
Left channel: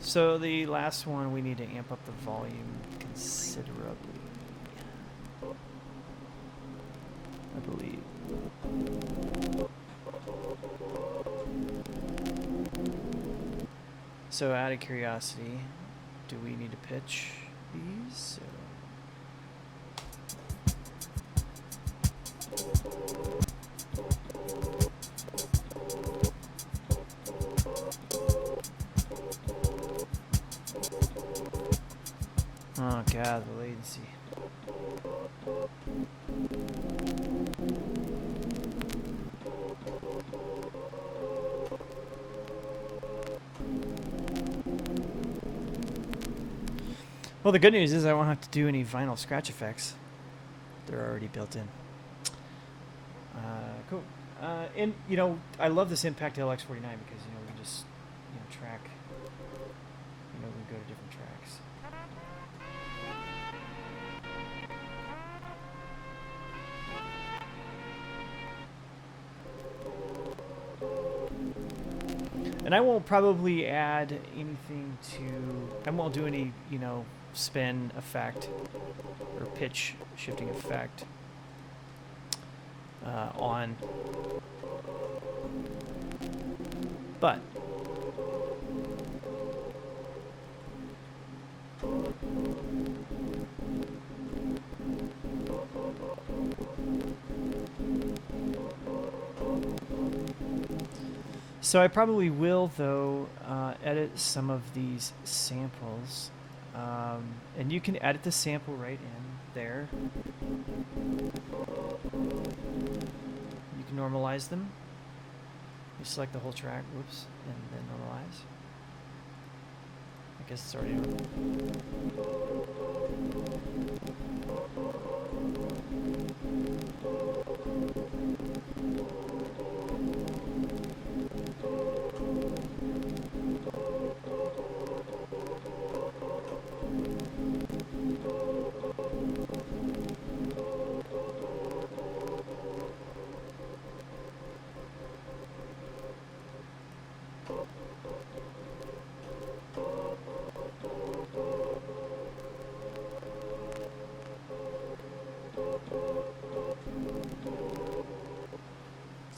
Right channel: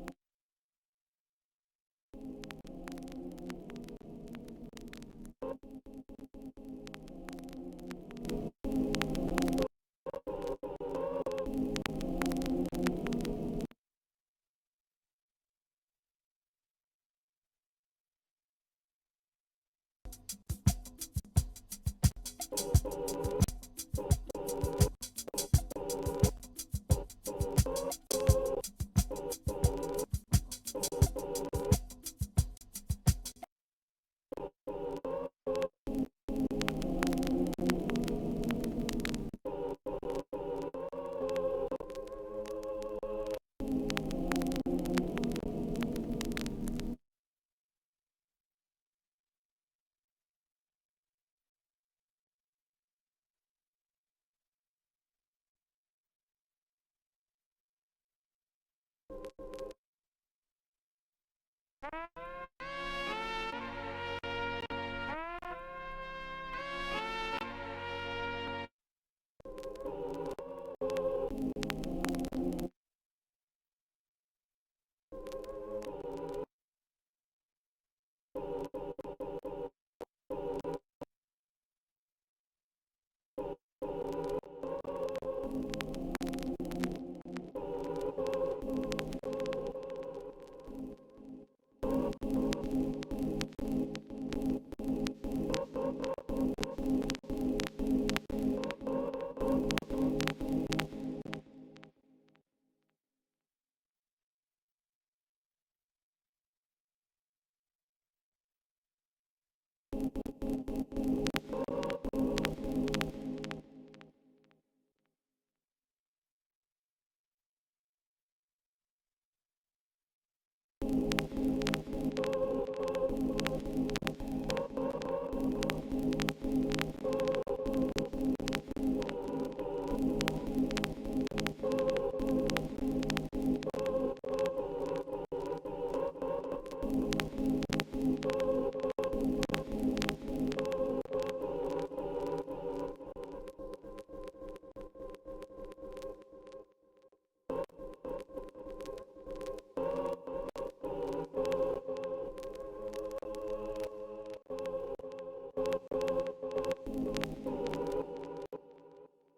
So the last one, we need to amp up the volume considerably, I believe. So out of curiosity, do we need to pitch these? Oh god, the latency. Well, the good news is I won't have to do any vinyl scratch effects. They're already built in. Cool. And, you know, I love this Impact LX49 because, you know, we can just, you know, track, you know, we can go to different tracks. And I won't probably add anything to, I won't do any, you know, spin effect or pitch shifting effect on, but so I probably will, though, edit some of these samples. And you can edit the sample right in there. You can normalize them. You select the whole track, whoops, and then normalize. I guess it's already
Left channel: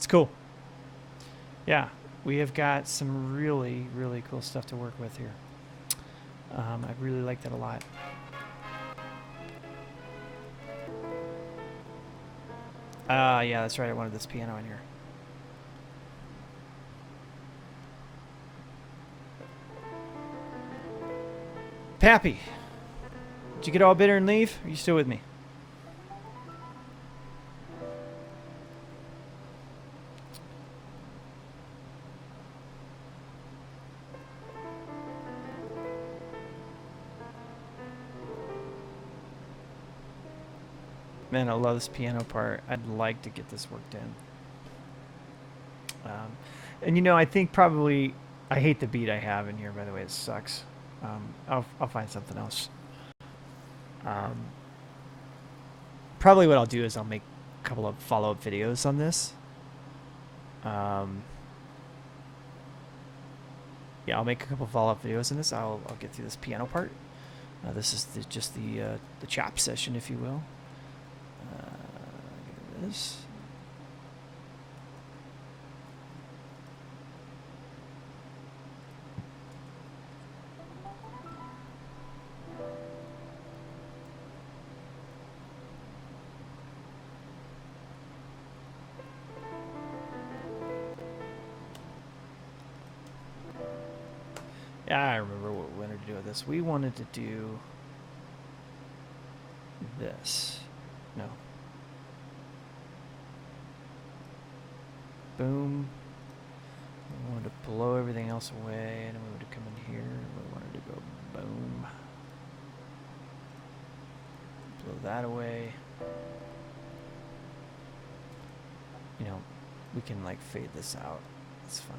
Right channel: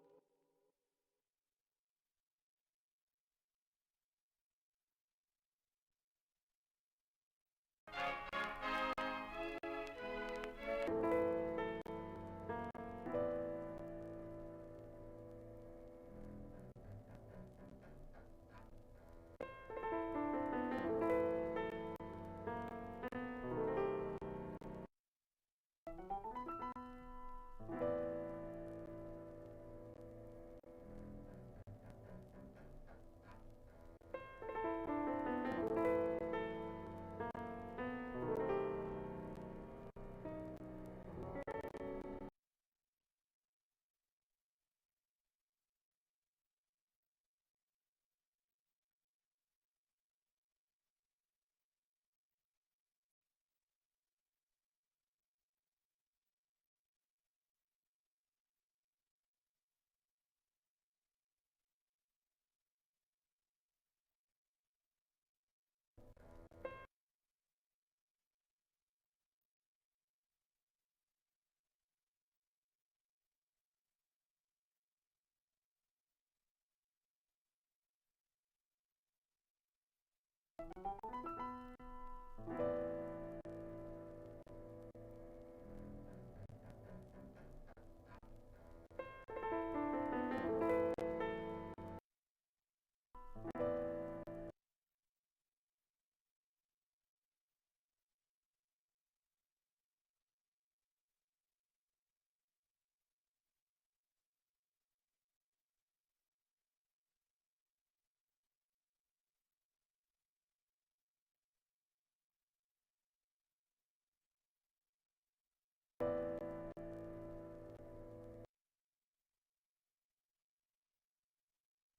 cool. Yeah, we have got some really, really cool stuff to work with here. I really like that a lot. Yeah, that's right. I wanted this piano in here. Pappy, did you get all bitter and leave? Are you still with me? Man, I love this piano part. I'd like to get this worked in. And you know, I think probably I hate the beat I have in here. By the way, it sucks. I'll find something else. Probably what I'll do is I'll make a couple of follow-up videos on this. Yeah, I'll make a couple of follow-up videos on this. I'll get through this piano part. This is just the chop session, if you will. Get rid of this. Yeah, I remember what we wanted to do with this. We wanted to do this. No. Boom. We wanted to blow everything else away, and we wanted to come in here. We wanted to go boom. Blow that away. You know, we can like fade this out. It's fine.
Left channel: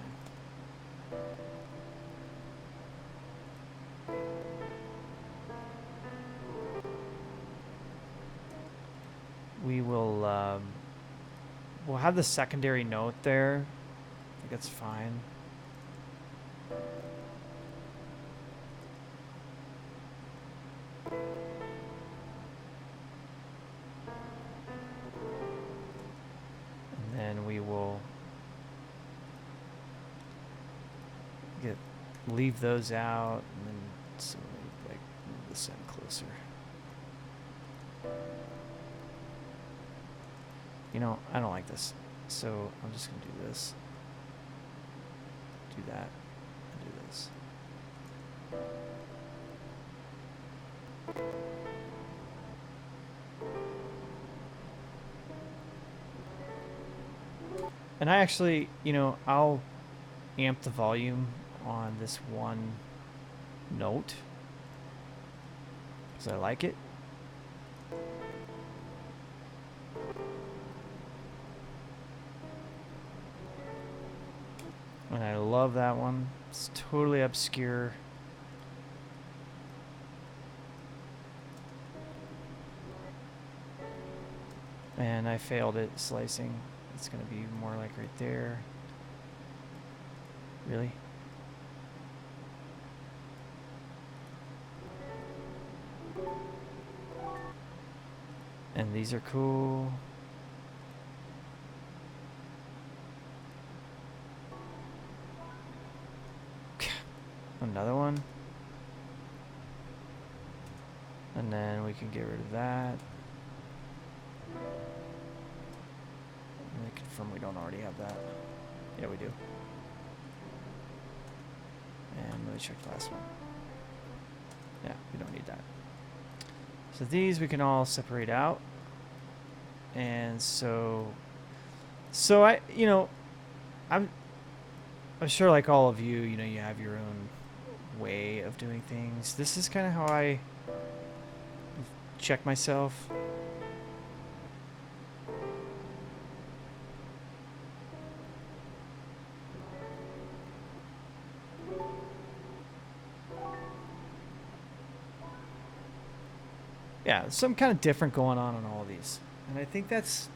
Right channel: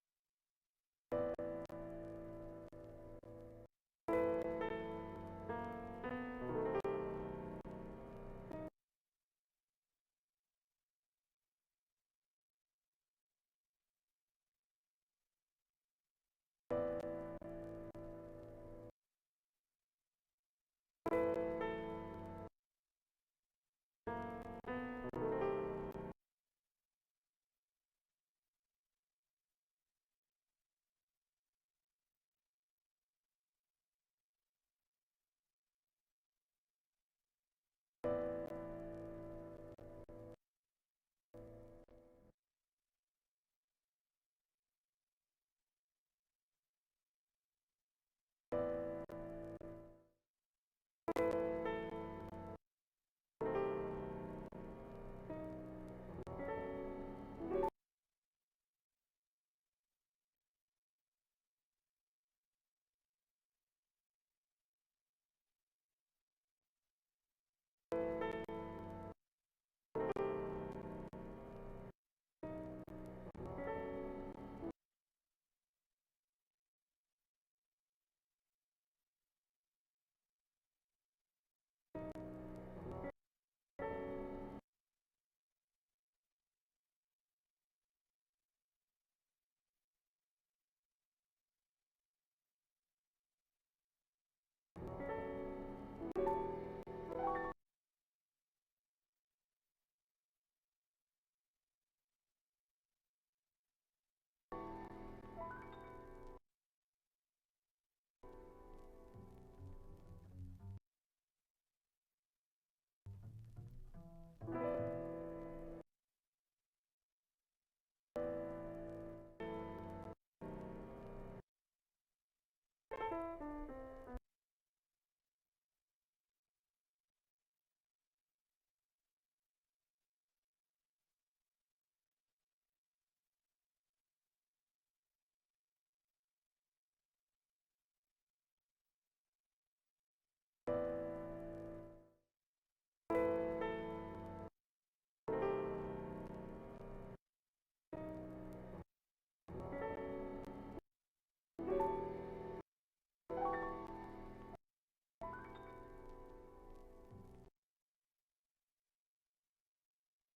We will, we'll have the secondary note there. I think that's fine. And then we will leave those out, and then so like move this in closer. You know, I don't like this, so I'm just gonna do this, do that, and do this. And I actually, you know, I'll amp the volume on this one note because I like it. And I love that one. It's totally obscure. And I failed at slicing. It's going to be more like right there. Really? And these are cool. Another one. And then we can get rid of that. Let me confirm we don't already have that. Yeah, we do. And let me check the last one. Yeah, we don't need that. So these we can all separate out. And so I, you know, I'm sure like all of you, you know, you have your own way of doing things. This is kind of how I check myself. Yeah, some kind of different going on all of these. And I think that's,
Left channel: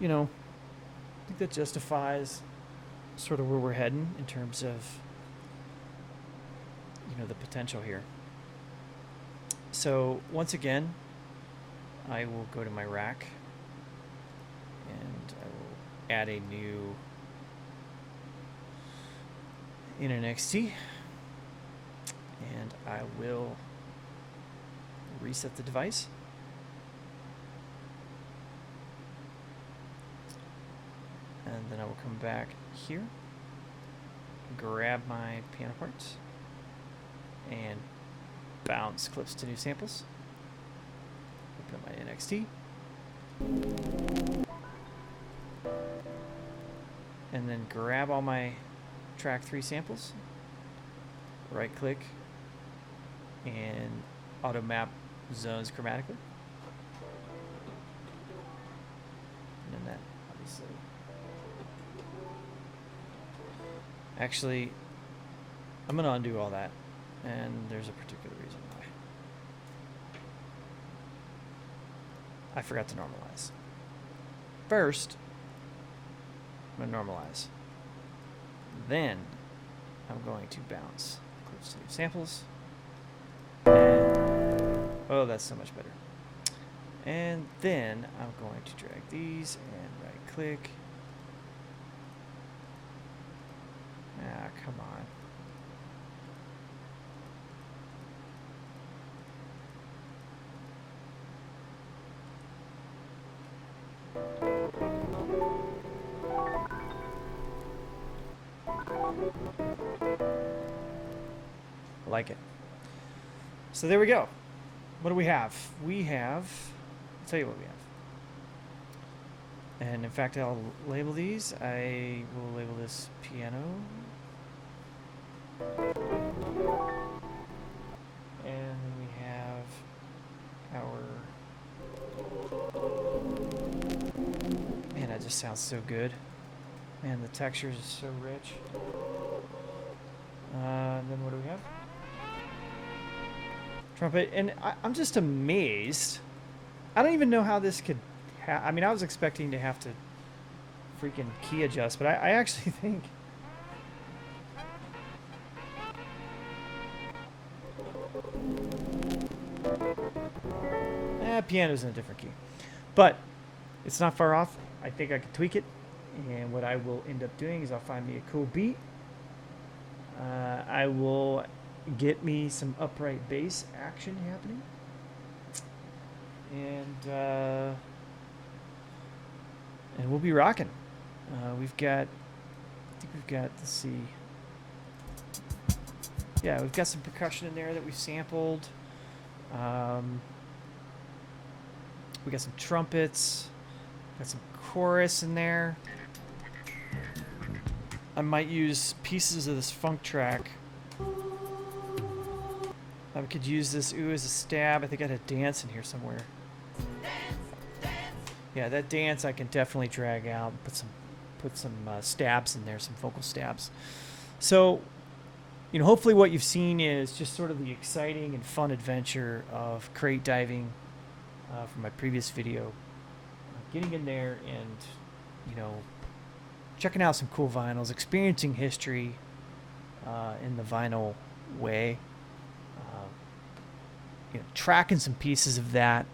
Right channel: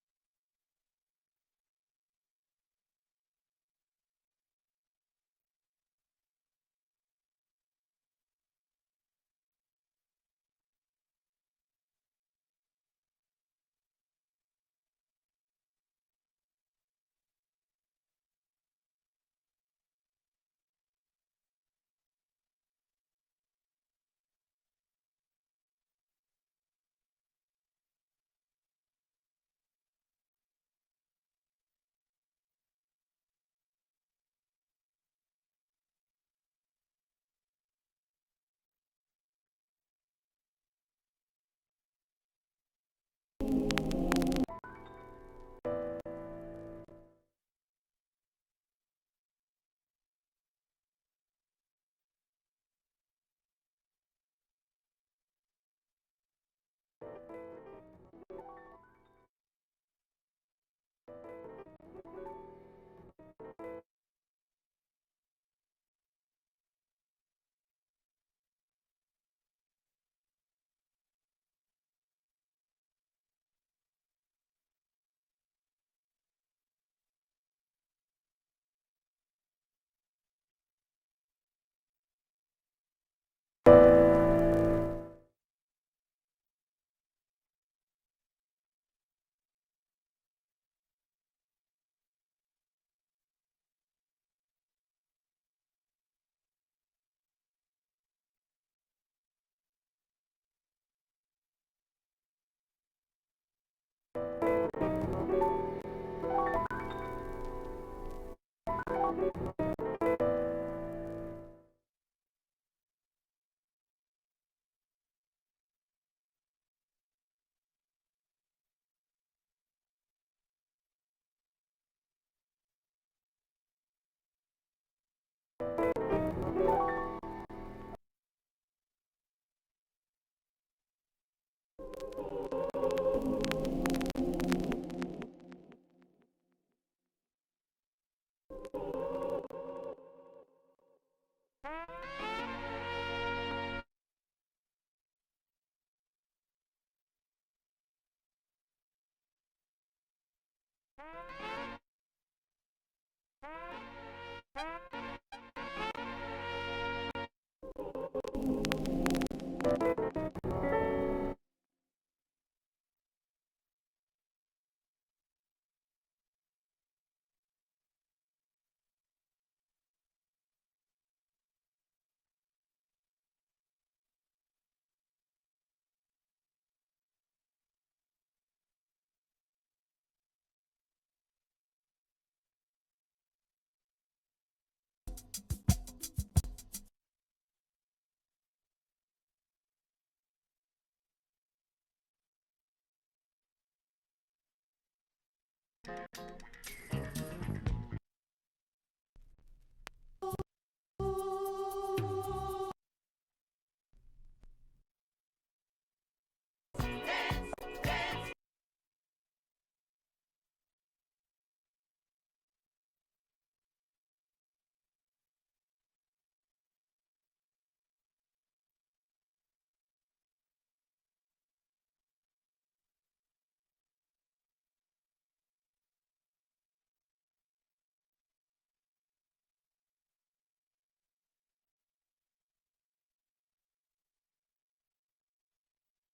you know, I think that justifies sort of where we're heading in terms of, you know, the potential here. So once again, I will go to my rack and I will add a new in NXT, and I will reset the device. And then I will come back here, grab my piano parts, and bounce clips to new samples. Open up my NXT. And then grab all my track 3 samples, right click, and auto map zones chromatically. And then that, obviously. Actually, I'm going to undo all that, and there's a particular reason why. I forgot to normalize. First, I'm going to normalize. Then, I'm going to bounce clips to new samples. Oh, that's so much better. And then, I'm going to drag these and right click. Ah, come on. Like it. So there we go. What do we have? We have, I'll tell you what we have. And in fact, I'll label these. I will label this piano. And we have our, man, that just sounds so good. Man, the textures is so rich. And then what do we have? Trumpet. And I'm just amazed. I don't even know how this could I mean, I was expecting to have to freaking key adjust, but I actually think piano's in a different key. But it's not far off. I think I can tweak it. And what I will end up doing is I'll find me a cool beat. I will get me some upright bass action happening. And we'll be rocking. We've got, let's see. Yeah, we've got some percussion in there that we've sampled. We got some trumpets. Got some chorus in there. I might use pieces of this funk track. I could use this ooh as a stab. I think I had a dance in here somewhere. Yeah, that dance I can definitely drag out. Put some stabs in there, some vocal stabs. So, you know, hopefully what you've seen is just sort of the exciting and fun adventure of crate diving from my previous video. Getting in there and, you know, checking out some cool vinyls, experiencing history in the vinyl way. You know, tracking some pieces of that.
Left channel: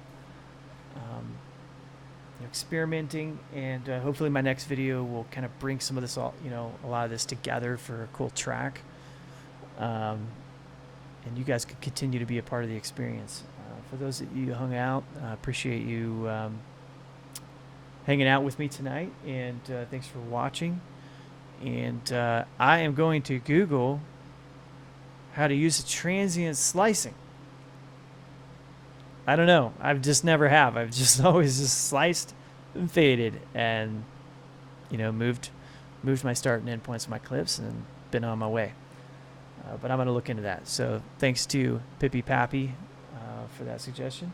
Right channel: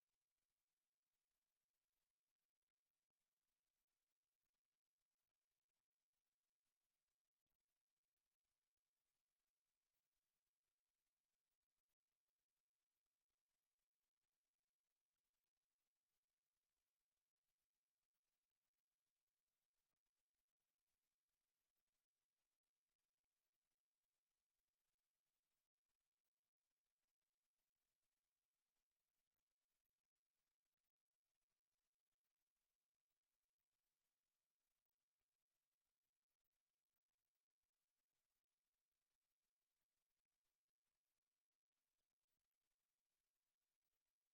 Experimenting, and hopefully my next video will kind of bring some of this all, you know, a lot of this together for a cool track, and you guys can continue to be a part of the experience. For those that you hung out, appreciate you hanging out with me tonight, and thanks for watching. And I am going to Google how to use a transient slicing. I don't know. I've just never have. I've just always just sliced and faded and, you know, moved my start and end points of my clips and been on my way. But I'm going to look into that. So thanks to Pippy Pappy for that suggestion.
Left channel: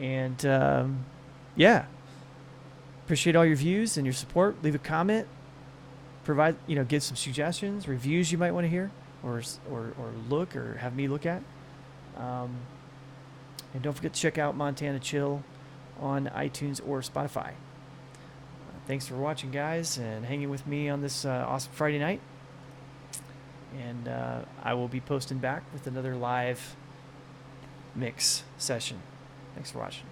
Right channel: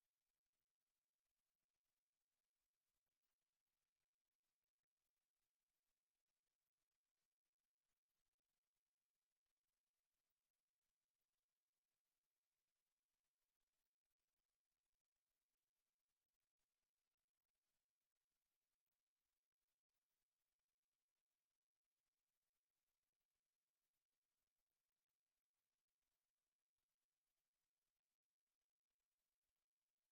And, yeah. Appreciate all your views and your support. Leave a comment. Provide, you know, give some suggestions, reviews you might want to hear or look or have me look at. And don't forget to check out MontanaChill on iTunes or Spotify. Thanks for watching, guys, and hanging with me on this awesome Friday night. And I will be posting back with another live mix session. Thanks for watching.